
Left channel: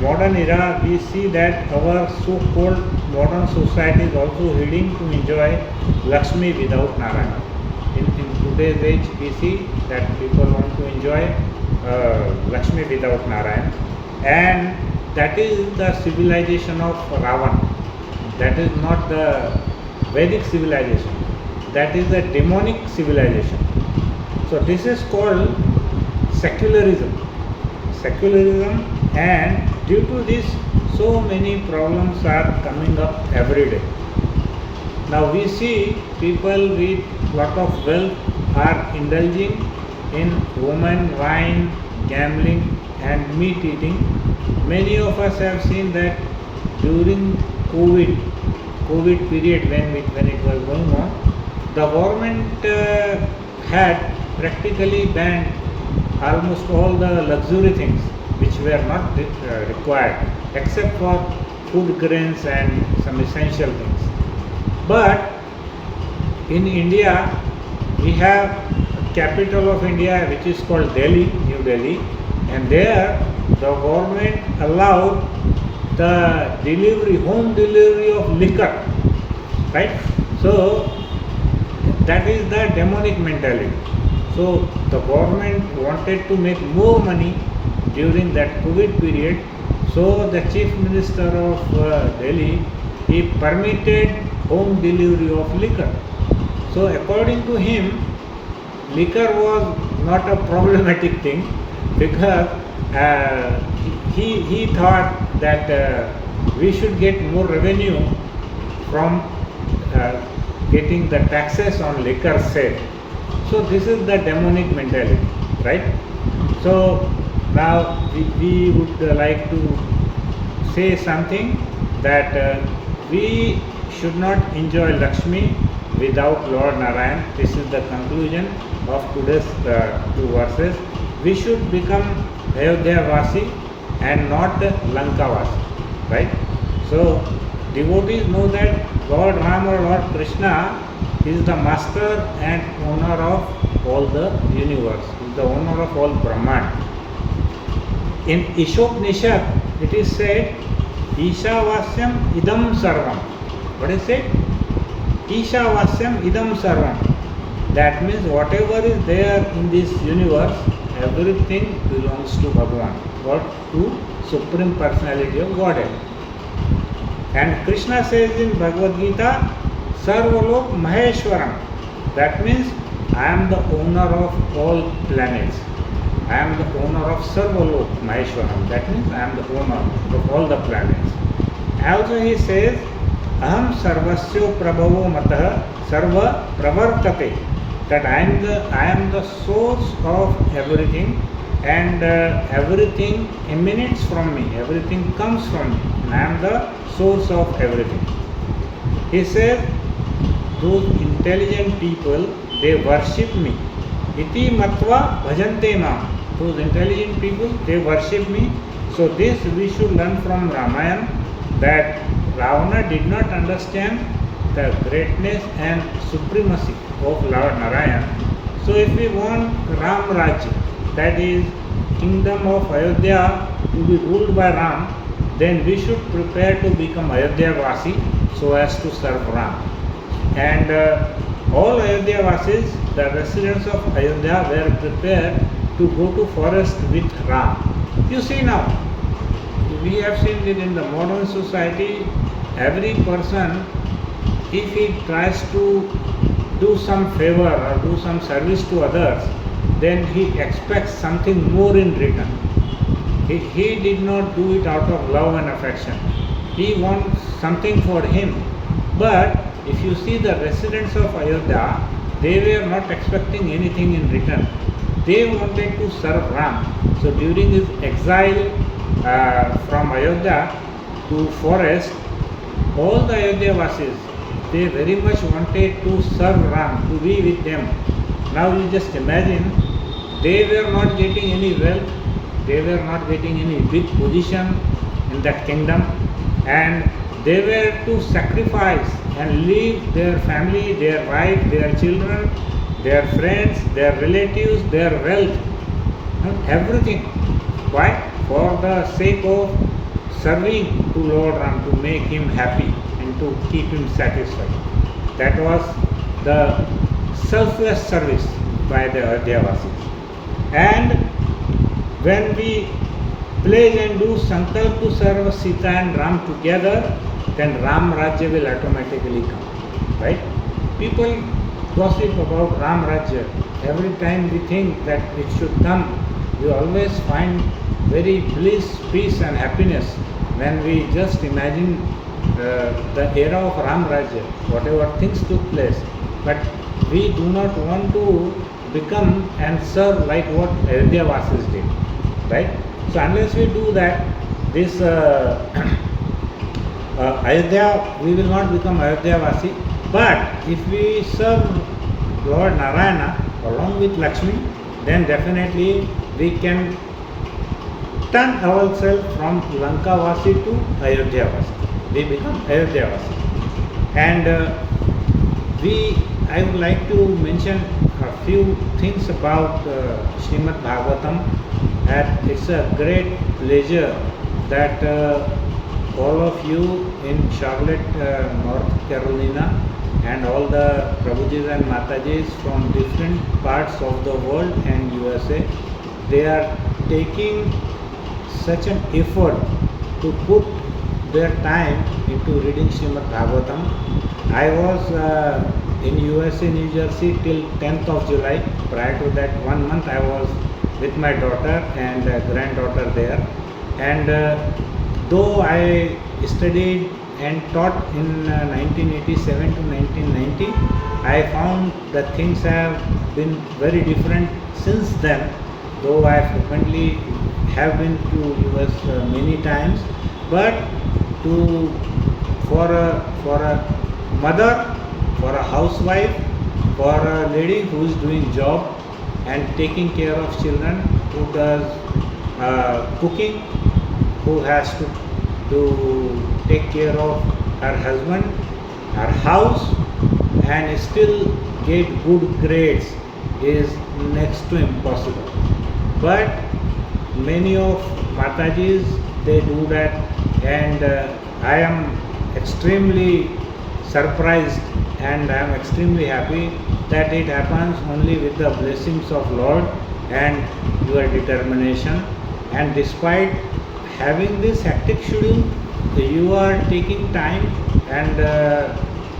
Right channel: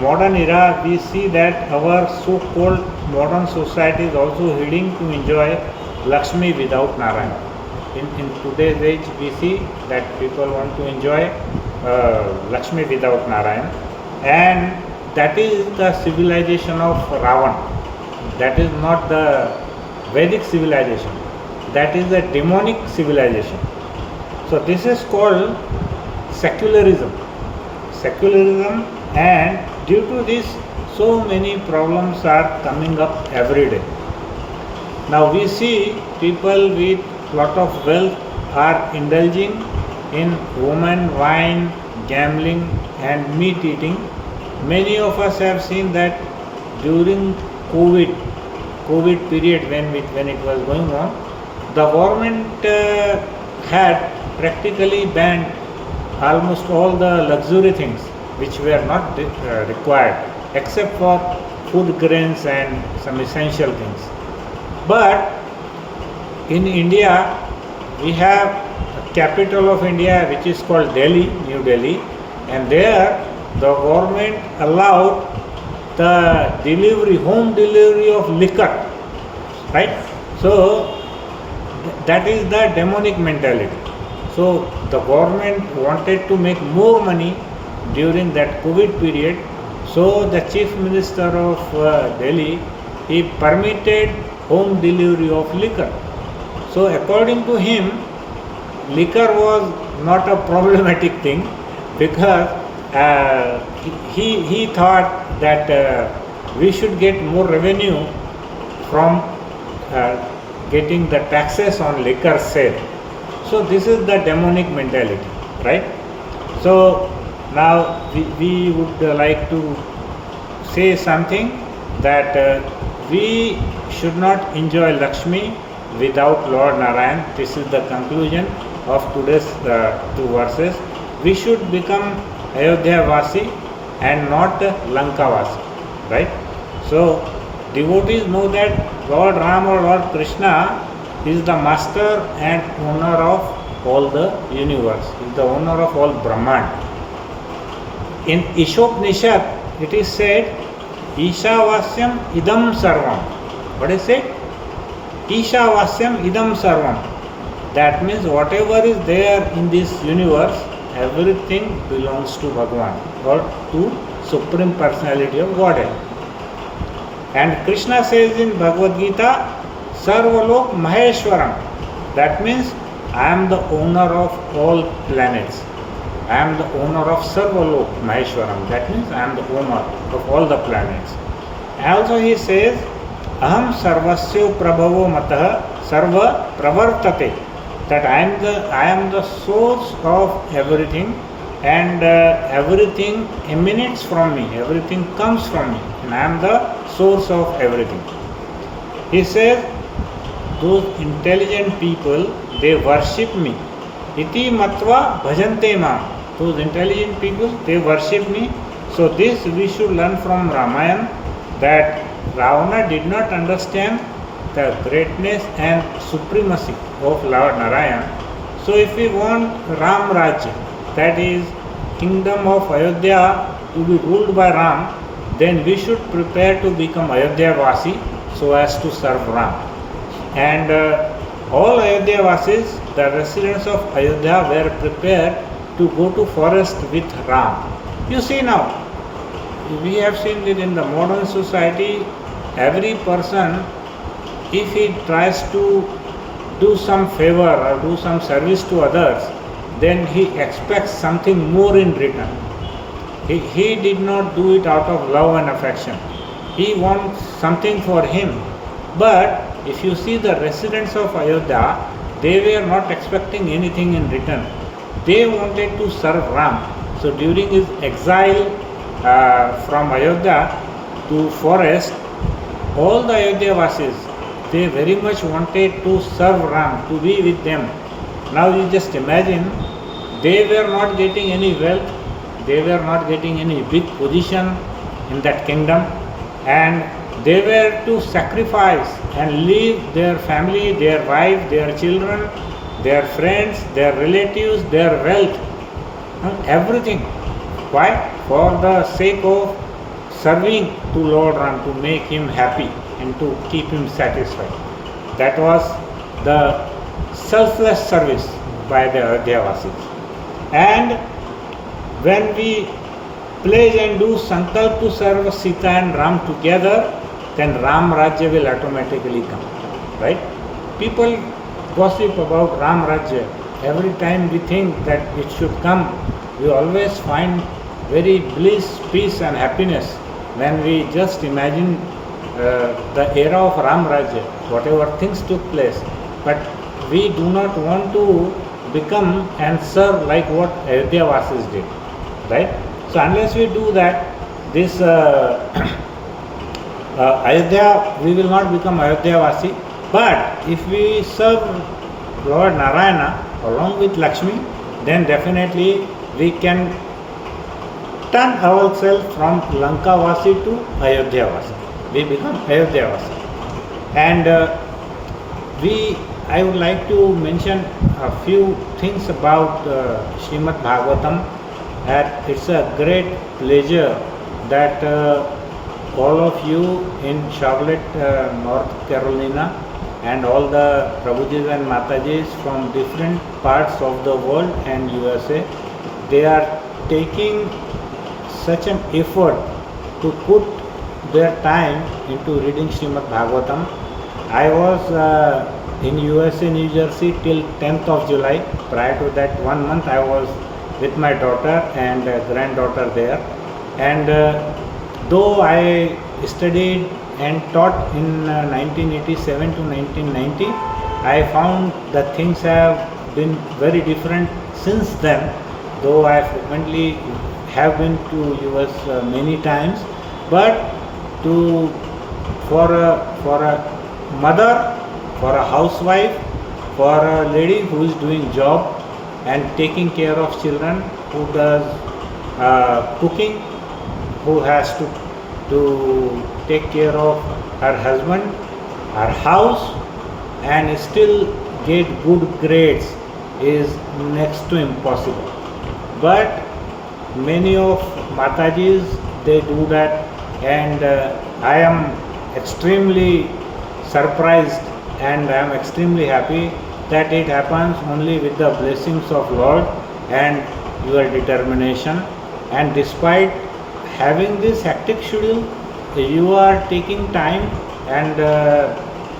modern era, we see that our so-called modern society is also heading to enjoy Lakshmi without Narayana. In today's age, we see that people want to enjoy Lakshmi without Narayana, and that is the civilization of Ravan. That is not the Vedic civilization. That is the demonic civilization. So this is called secularism. Secularism, and due to this, so many problems are coming up every day. Now we see people with lot of wealth are indulging in woman, wine, gambling, and meat eating. Many of us have seen that during COVID period when it was going on, the government had practically banned almost all the luxury things which were not required except for food grains and some essential things. But in India, we have a capital of India which is called Delhi, New Delhi, and there the government allowed the home delivery of liquor, right? So that is the demonic mentality. So the government wanted to make more money during that COVID period. So the chief minister of Delhi, he permitted home delivery of liquor. So according to him, liquor was not a problematic thing because he thought that we should get more revenue from getting the taxes on liquor sale. So this is the demonic mentality, right? So now we would like to say something that we should not enjoy Lakshmi without Lord Narayan. This is the conclusion of today's two verses. We should become Ayodhya Vasi and not Lanka Vasi, right? So devotees know that Lord Ram or Lord Krishna is the master and owner of all the universe, is the owner of all Brahman. In Ishopnishad, it is said, Ishavasyam idam sarvam. What is it? Ishavasyam idam sarvam. That means whatever is there in this universe, everything belongs to Bhagavan or to Supreme Personality of Godhead. And Krishna says in Bhagavad Gita, Sarvalok Maheshwaram. That means I am the owner of all planets. I am the owner of Sarvalok Maheshwaram. That means I am the owner of all the planets. Also he says, Aham Sarvasyo Prabhavo Matah Sarva Pravartate. That I am the source of everything, and everything emanates from me, everything comes from me, and I am the source of everything. He says, those intelligent people, they worship me. Iti matva bhajante mam. Those intelligent people, they worship me. So this we should learn from Ramayana, that Ravana did not understand the greatness and supremacy of Lord Narayan. So if we want Ram Rajya, that is kingdom of Ayodhya, to be ruled by Ram, then we should prepare to become Ayodhya Vasi so as to serve Ram. And all Ayodhya Vasis, the residents of Ayodhya, were prepared to go to forest with Ram. You see now, we have seen that in the modern society, every person, if he tries to do some favor or do some service to others, then he expects something more in return. He did not do it out of love and affection. He wants something for him. But if you see the residents of Ayodhya, they were not expecting anything in return. They wanted to serve Ram. So during his exile from Ayodhya to forest, all the Ayodhya Vasis, they very much wanted to serve Ram, to be with them. Now you just imagine, they were not getting any wealth, they were not getting any big position in that kingdom, and they were to sacrifice and leave their family, their wife, their children, their friends, their relatives, their wealth, everything. Why? For the sake of serving to Lord Ram to make him happy and to keep him satisfied. That was the selfless service by the Ayodhyavasis. And when we pledge and do sankalp to serve Sita and Ram together, then Ram Rajya will automatically come, right? People gossip about Ram Rajya. Every time we think that it should come, we always find very bliss, peace and happiness when we just imagine the era of Ram Rajya, whatever things took place. But we do not want to become and serve like what Ayodhyavasis did, right? So unless we do that, this Ayodhya, we will not become Ayodhyavasi. But if we serve Lord Narayana along with Lakshmi, then definitely we can turn ourselves from Lankavasi to Ayodhyavasi. We become Ayodhyavasi. And I would like to mention a few things about Srimad Bhagavatam. And it's a great pleasure that all of you in Charlotte, North Carolina, and all the Prabhujis and Matajis from different parts of the world and USA, they are taking such an effort to put their time into reading Srimad Bhagavatam. I was in USA, New Jersey till 10th of July. Prior to that 1 month I was with my daughter and granddaughter there. And though I studied and taught in 1987 to 1990, I found that things have been very different since then, though I frequently have been to US many times. But for a mother, for a housewife, for a lady who is doing job and taking care of children, who does cooking, who has to take care of her husband, her house, and still get good grades is next to impossible. But many of Matajis, they do that, and I am extremely surprised and I am extremely happy that it happens only with the blessings of Lord and your determination. And despite having this hectic schedule, you are taking time and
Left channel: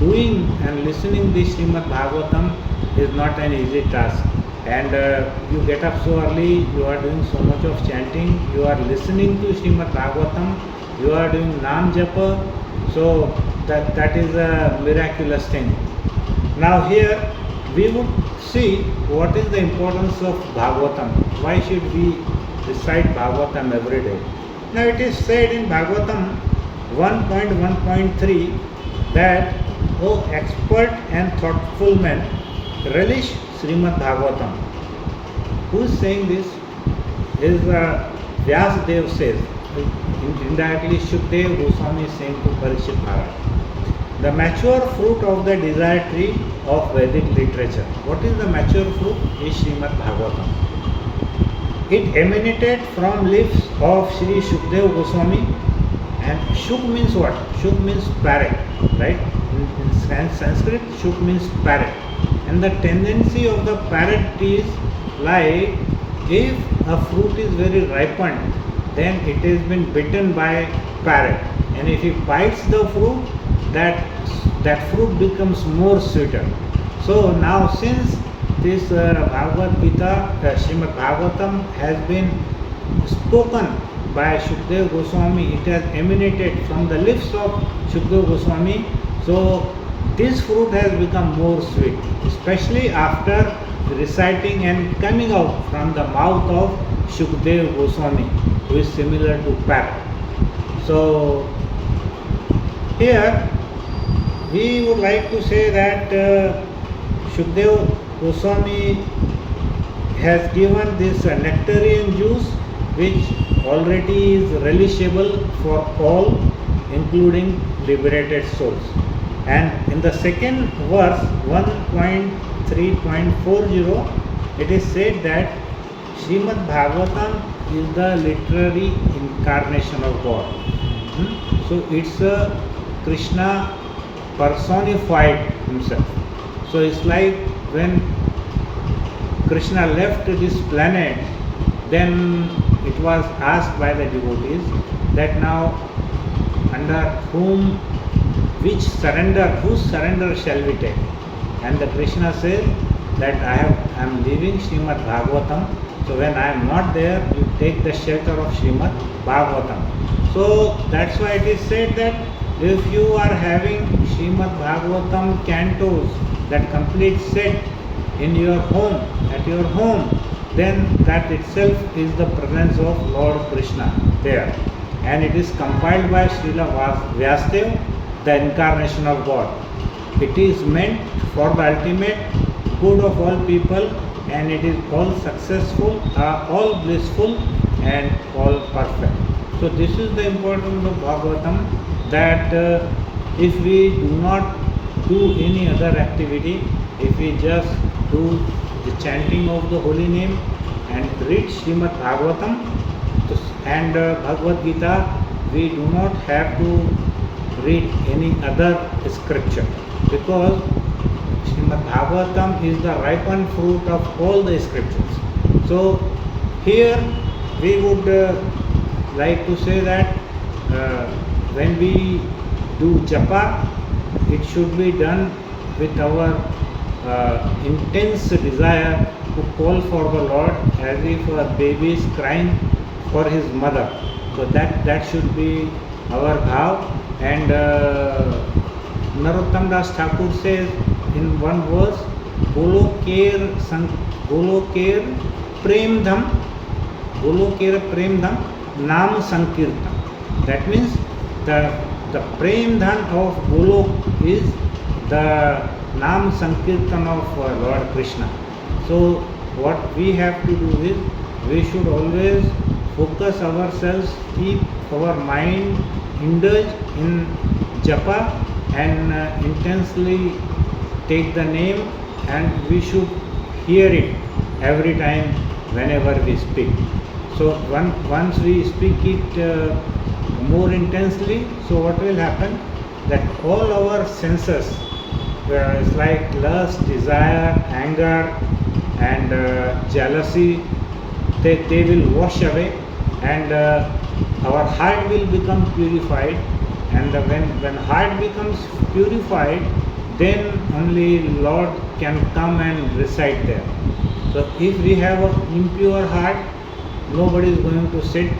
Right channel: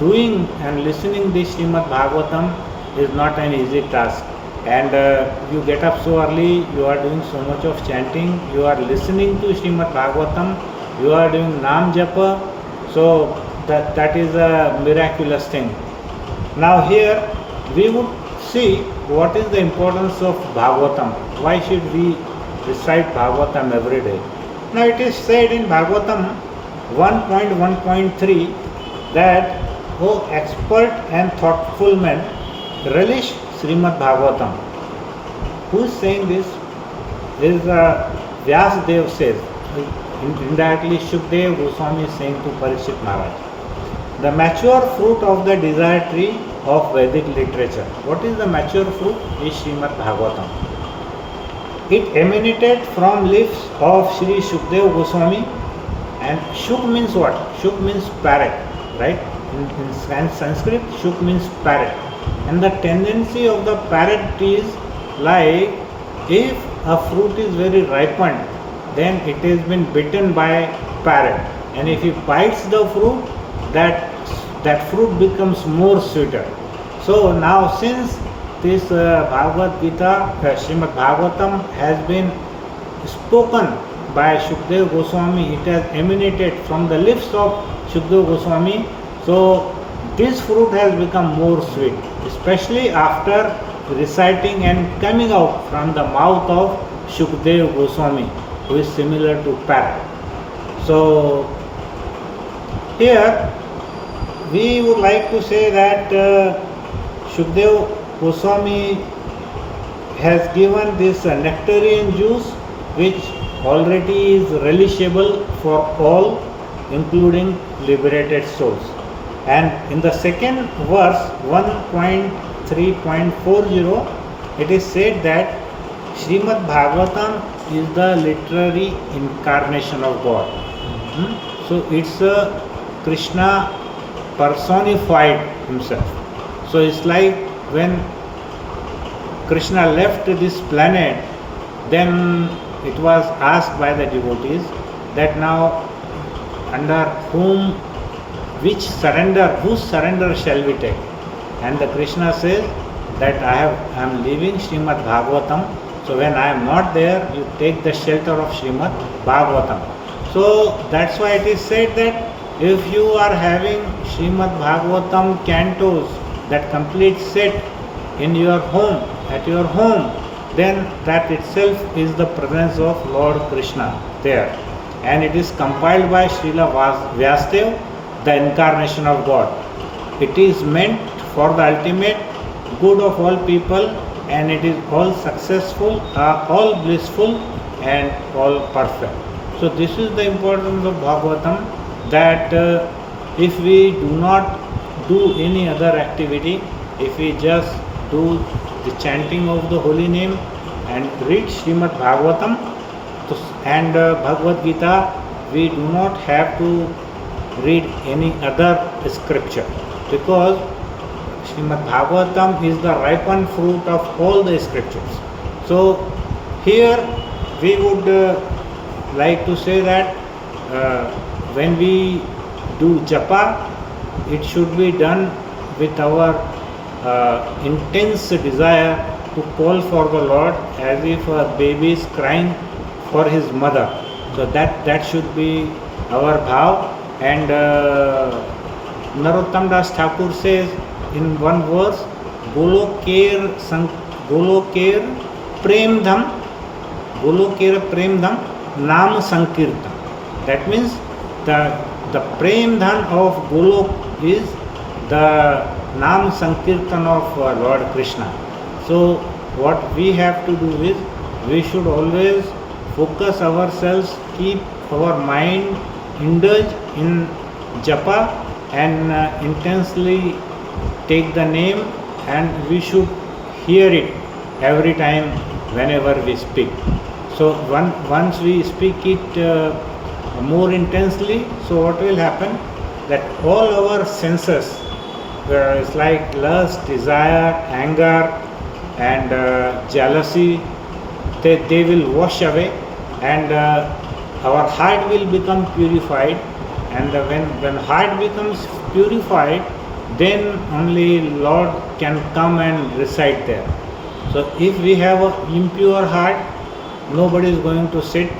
doing and listening this Srimad Bhagavatam is not an easy task. And you get up so early, you are doing so much of chanting, you are listening to Srimad Bhagavatam, you are doing Nam Japa, so that is a miraculous thing. Now here we would see what is the importance of Bhagavatam. Why should we recite Bhagavatam every day? Now it is said in Bhagavatam 1.1.3 that, O expert and thoughtful men, relish Srimad Bhagavatam. Who is saying this? This is Vyasadeva says. Indirectly Shukdev Goswami is saying to Parikshit Maharaj. The mature fruit of the desire tree of Vedic literature. What is the mature fruit? Is Srimad Bhagavatam. It emanated from lips of Sri Shukdev Goswami. And Shuk means what? Shuk means parrot, right? In Sanskrit, Shuk means parrot. And the tendency of the parrot is like, if a fruit is very ripened, then it has been bitten by parrot. And if he bites the fruit, that fruit becomes more sweeter. So now since this Bhagavad Gita, Srimad Bhagavatam has been spoken by Shukdev Goswami, it has emanated from the lips of Shukdev Goswami, so this fruit has become more sweet, especially after reciting and coming out from the mouth of Shukdev Goswami, who is similar to parrot. So here we would like to say that Shukdev Goswami has given this nectarian juice which already is relishable for all, including liberated souls. And in the second verse 1.3.40, it is said that Srimad Bhagavatam is the literary incarnation of God. So it's Krishna personified himself. So it's like when Krishna left this planet, then it was asked by the devotees that now under whose surrender shall we take? And the Krishna says that I am leaving Srimad Bhagavatam. So when I am not there, you take the shelter of Srimad Bhagavatam. So that's why it is said that if you are having Srimad Bhagavatam cantos, that complete set in your home, at your home, then that itself is the presence of Lord Krishna there. And it is compiled by Srila Vyasadeva, the incarnation of God. It is meant for the ultimate good of all people, and it is all successful, all blissful, and all perfect. So this is the importance of Bhagavatam, that if we do not do any other activity, if we just do the chanting of the holy name and read Srimad Bhagavatam and Bhagavad Gita, we do not have to read any other scripture, because Srimad Bhagavatam is the ripened fruit of all the scriptures. So here we would like to say that when we do japa, it should be done with our intense desire to call for the Lord, as if a baby is crying for his mother. So that should be our bhav. And Narottam Das Thakur says in one verse, Goloker Prem Dham Nam Sankirtan. That means the Prem Dhan of Golok is the Nam Sankirtan of Lord Krishna. So what we have to do is, we should always focus ourselves, keep our mind indulged in japa, and intensely take the name, and we should hear it every time whenever we speak. So once we speak it more intensely, so what will happen, that all our senses, it's like lust, desire, anger, and jealousy, they will wash away, and our heart will become purified. And when heart becomes purified, then only Lord can come and reside there. So if we have an impure heart, nobody is going to sit,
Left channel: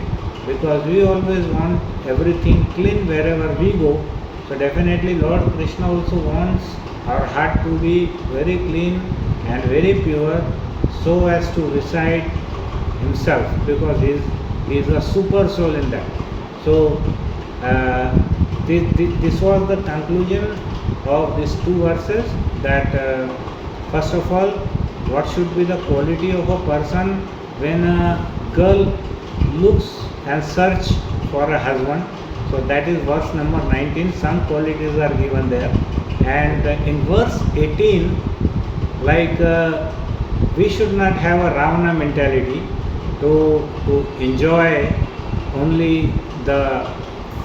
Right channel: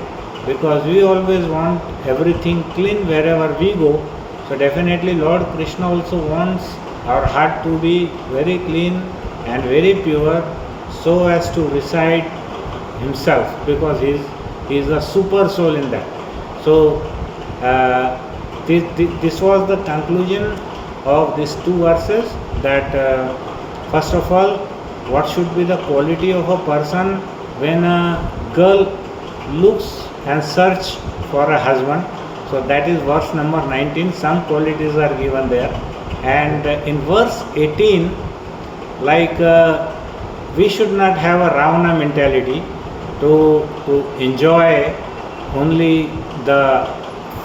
because we always want everything clean wherever we go. So definitely Lord Krishna also wants our heart to be very clean and very pure, so as to reside himself, because he is a super soul in that. So this was the conclusion of these two verses, that first of all, what should be the quality of a person when a girl looks and search for a husband. So that is verse number 19. Some qualities are given there. And in verse 18, like we should not have a Ravana mentality to enjoy only the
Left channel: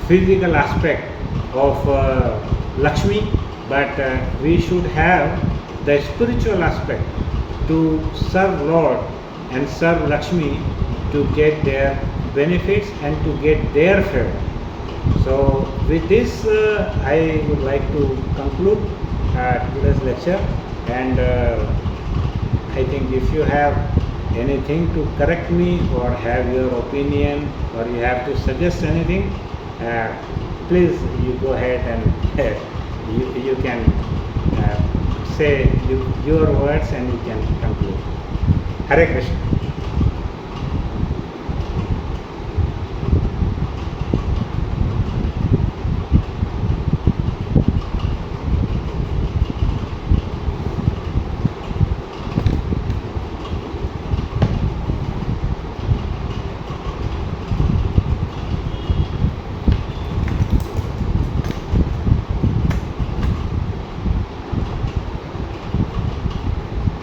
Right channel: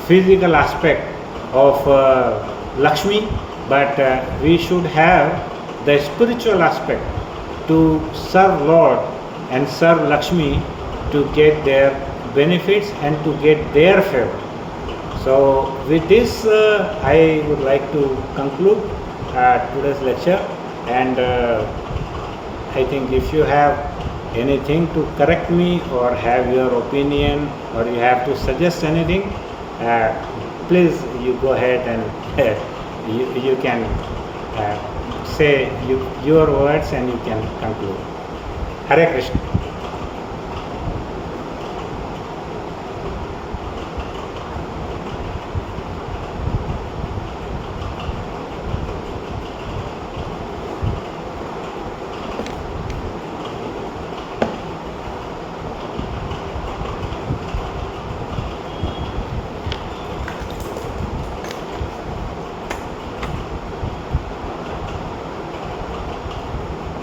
physical aspect of Lakshmi, but we should have the spiritual aspect to serve Lord and serve Lakshmi, to get their benefits and to get their favor. So with this I would like to conclude today's lecture, and I think if you have anything to correct me, or have your opinion, or you have to suggest anything, please you go ahead and you can say your words, and you can conclude. Hare Krishna.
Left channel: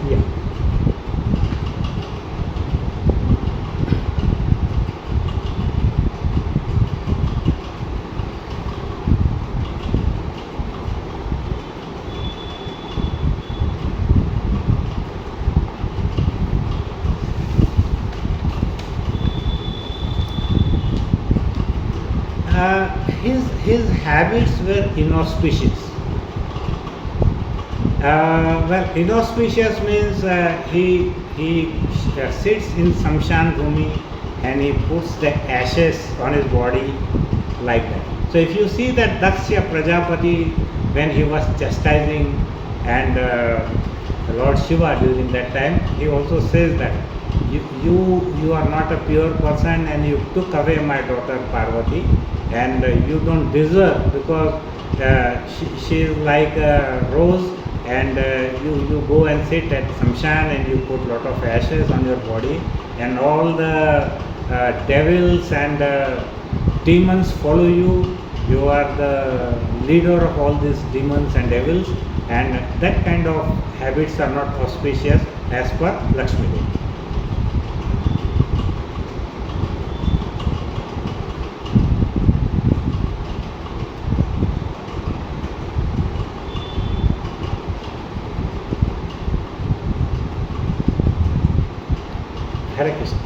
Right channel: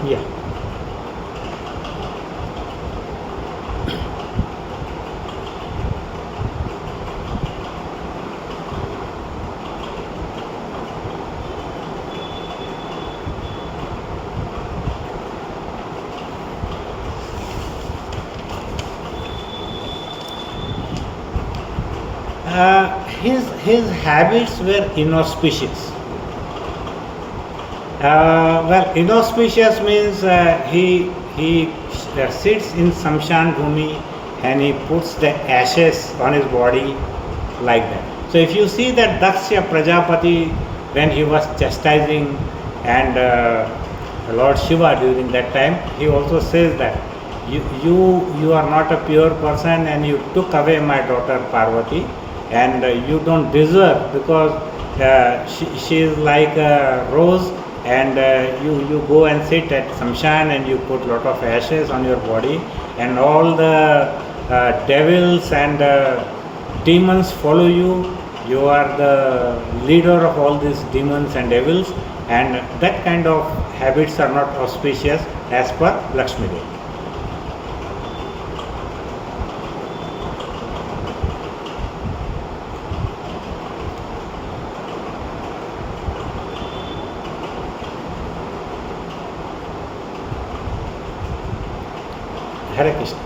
Yeah. his habits were inauspicious. Well, inauspicious means he sits in Samshan Bhumi and he puts the ashes on his body like that. So if you see that Daksha Prajapati, when he was chastising and Lord Shiva during that time, he also says that you are not a pure person and you took away my daughter Parvati and you don't deserve, because she is like a rose and you go and sit at Samshan and you put lot of ashes on your body and all the devils and demons follow you. You are the leader of all these demons and devils, and that kind of habits are not auspicious as per Lakshmi Devi. Hare Krishna.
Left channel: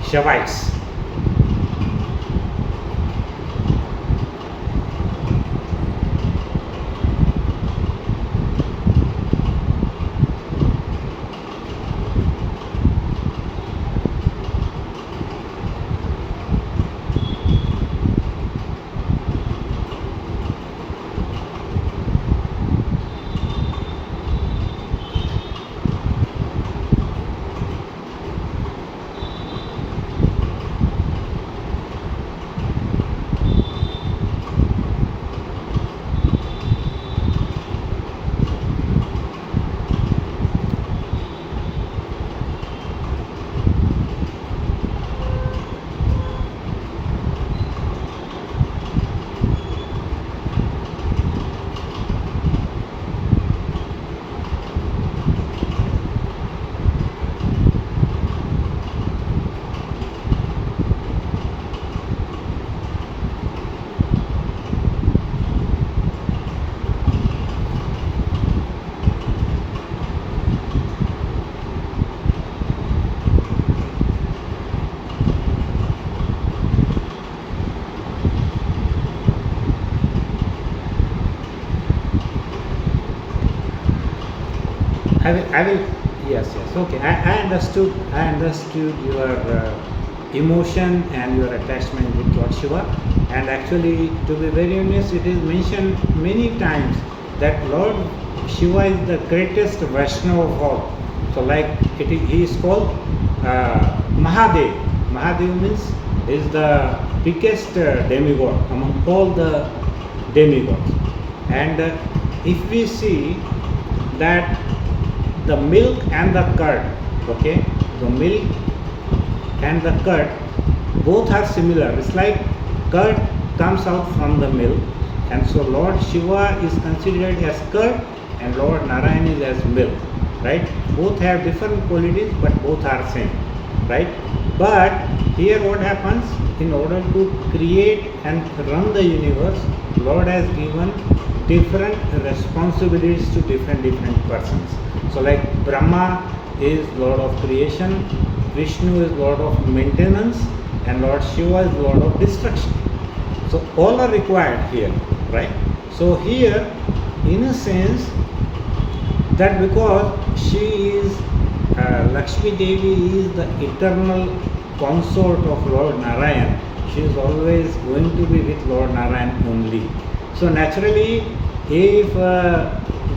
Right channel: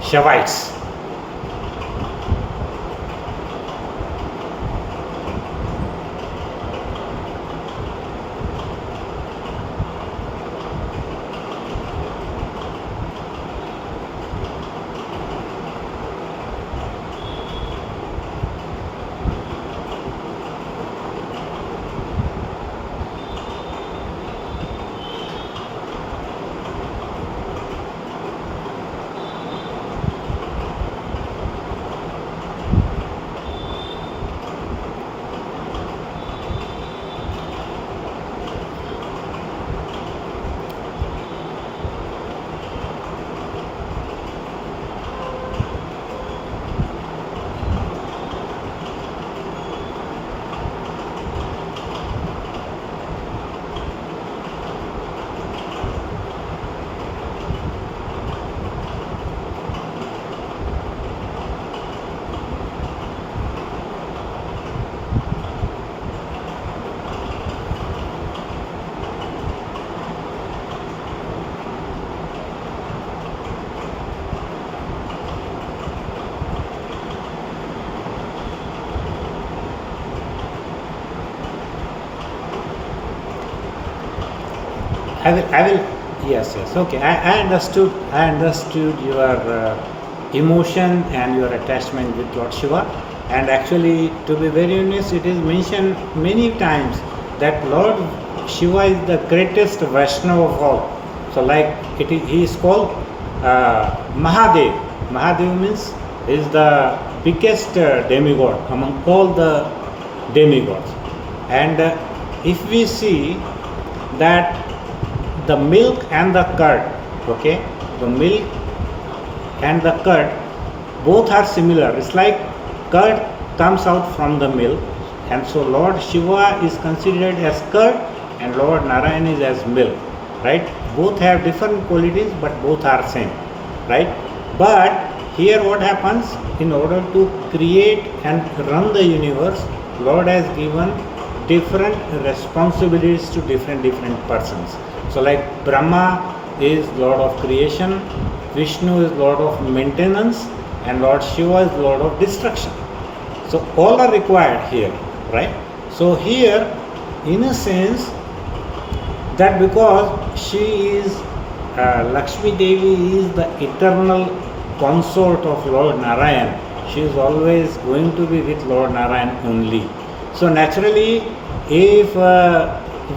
Shavites. Yes, okay. I understood your emotion and your attachment with Lord Shiva. And actually, to be very honest, it is mentioned many times that Lord Shiva is the greatest Vaishnava of all. So, like he is called Mahadev. Mahadev means is the biggest demigod among all the demigods. And if we see that the milk and the curd, okay, the milk and the curd both are similar. It's like curd comes out from the milk, and so Lord Shiva is considered as curd and Lord Narayan is as milk, right? Both have different qualities but both are same, right? But here what happens, in order to create and run the universe, Lord has given different responsibilities to different persons. So like Brahma is Lord of creation, Vishnu is Lord of maintenance, and Lord Shiva is Lord of destruction. So all are required here, right? So here, in a sense, that because she is Lakshmi Devi is the eternal consort of Lord Narayan, she is always going to be with Lord Narayan only. So naturally, if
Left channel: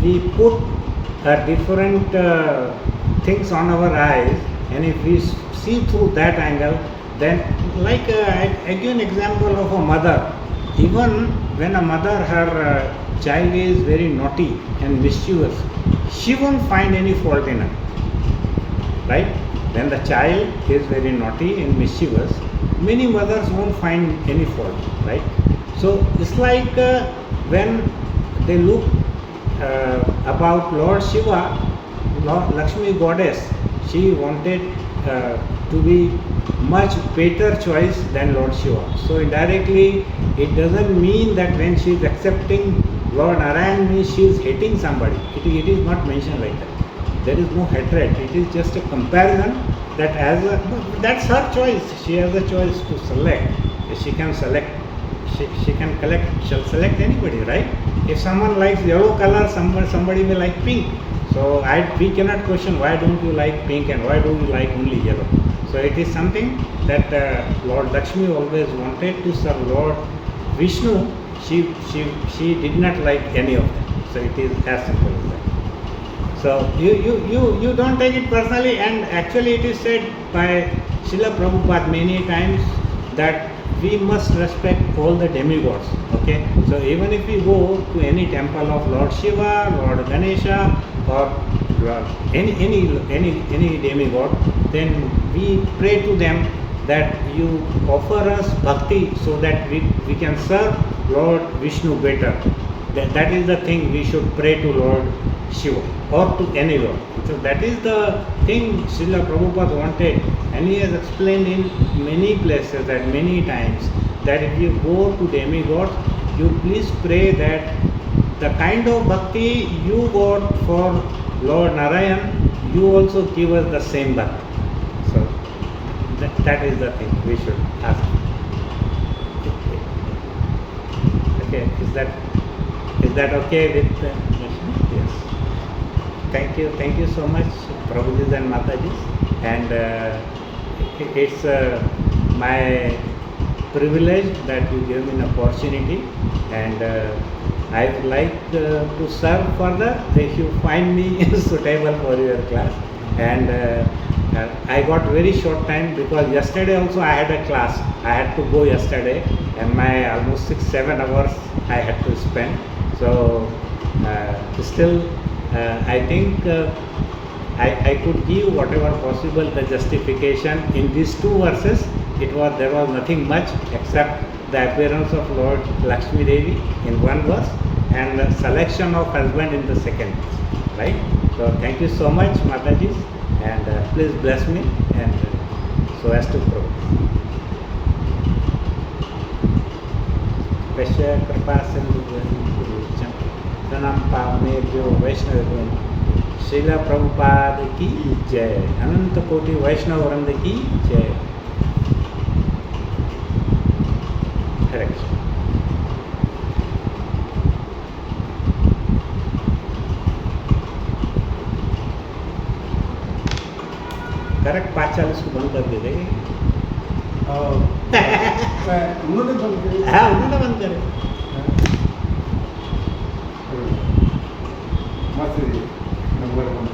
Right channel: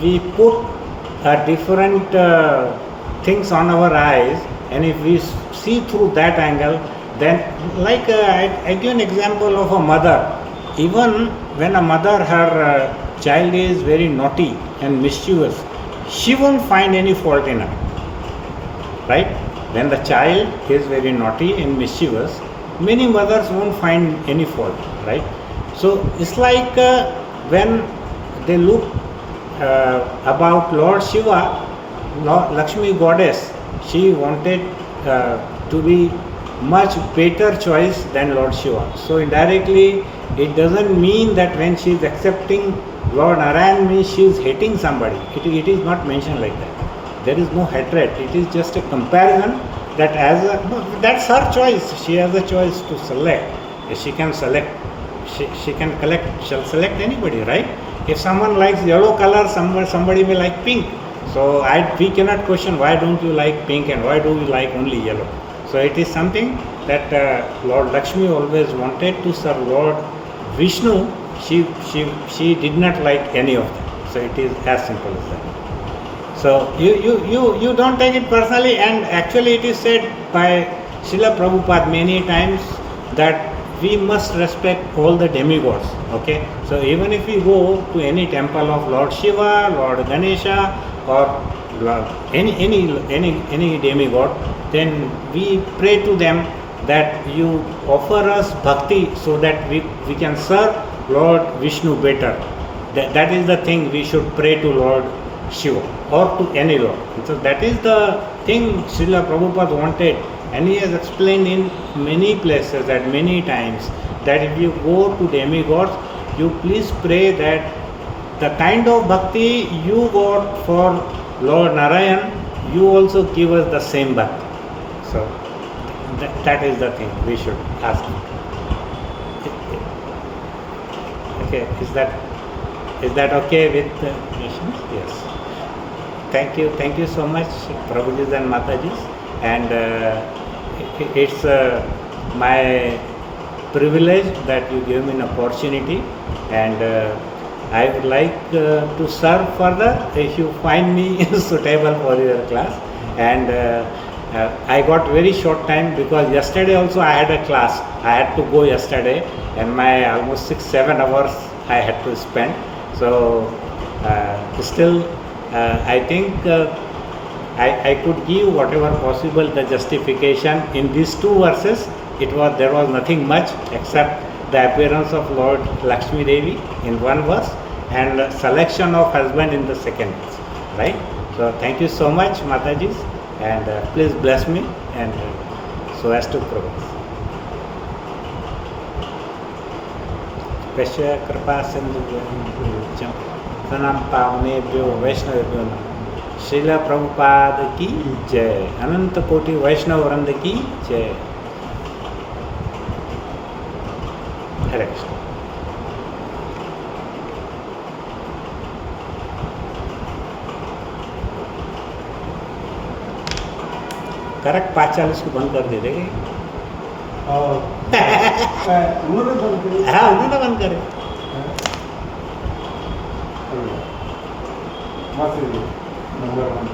we put different things on our eyes, and if we see through that angle, then like I give an example of a mother. Even when a mother, her child is very naughty and mischievous, she won't find any fault in her, right? When the child is very naughty and mischievous, many mothers won't find any fault, right? So it's like when they look about Lord Shiva, Lakshmi goddess, she wanted to be much better choice than Lord Shiva. So indirectly, it doesn't mean that when she is accepting Lord Narayan means she is hating somebody. It is not mentioned like that. There is no hatred. It is just a comparison that that's her choice. She has a choice to select. She can select. She can shall select anybody, right? If someone likes yellow color, somebody may like pink. So we cannot question why don't you like pink and why do you like only yellow. So it is something that Lord Lakshmi always wanted to serve Lord Vishnu. She did not like any of them. So it is as simple as that. So you don't take it personally, and actually it is said by Srila Prabhupada many times that we must respect all the demigods. Okay, so even if we go to any temple of Lord Shiva, Lord Ganesha, or any demigod, then we pray to them that you offer us bhakti so that we can serve Lord Vishnu better. That is the thing we should pray to Lord Shiva or to any Lord. So that is the thing Srila Prabhupada wanted, and he has explained in many places at many times that if you go to demigods, you please pray that the kind of bhakti you got for Lord Narayan, you also give us the same bhakti. So that is the thing we should ask. Okay, is that okay with yes? Thank you so much, Prabhujis and Matajis, and it's my privilege that you give me an opportunity, and I would like to serve further if you find me suitable for your class. And I got very short time because yesterday also I had a class. I had to go yesterday, and my almost 6-7 hours I had to spend. So still I think I could give whatever possible the justification in these two verses. There was nothing much except the appearance of Lord Lakshmi Devi in one verse and selection of husband in the second verse, right? So thank you so much, Mataji, and please bless me and so as to progress. Pesha Kripa Sindhu Pranam Pavnebhyo Vaishnavebhyo Srila Prabhupada ki jai, Ananta Koti Vaishnava Vranda ki jai. Hare Krishna. Correct 5:40 को बंद कर दे देंगे। उन्होंने बंद करे। हाँ, उन्होंने बंद करे। नंबर 1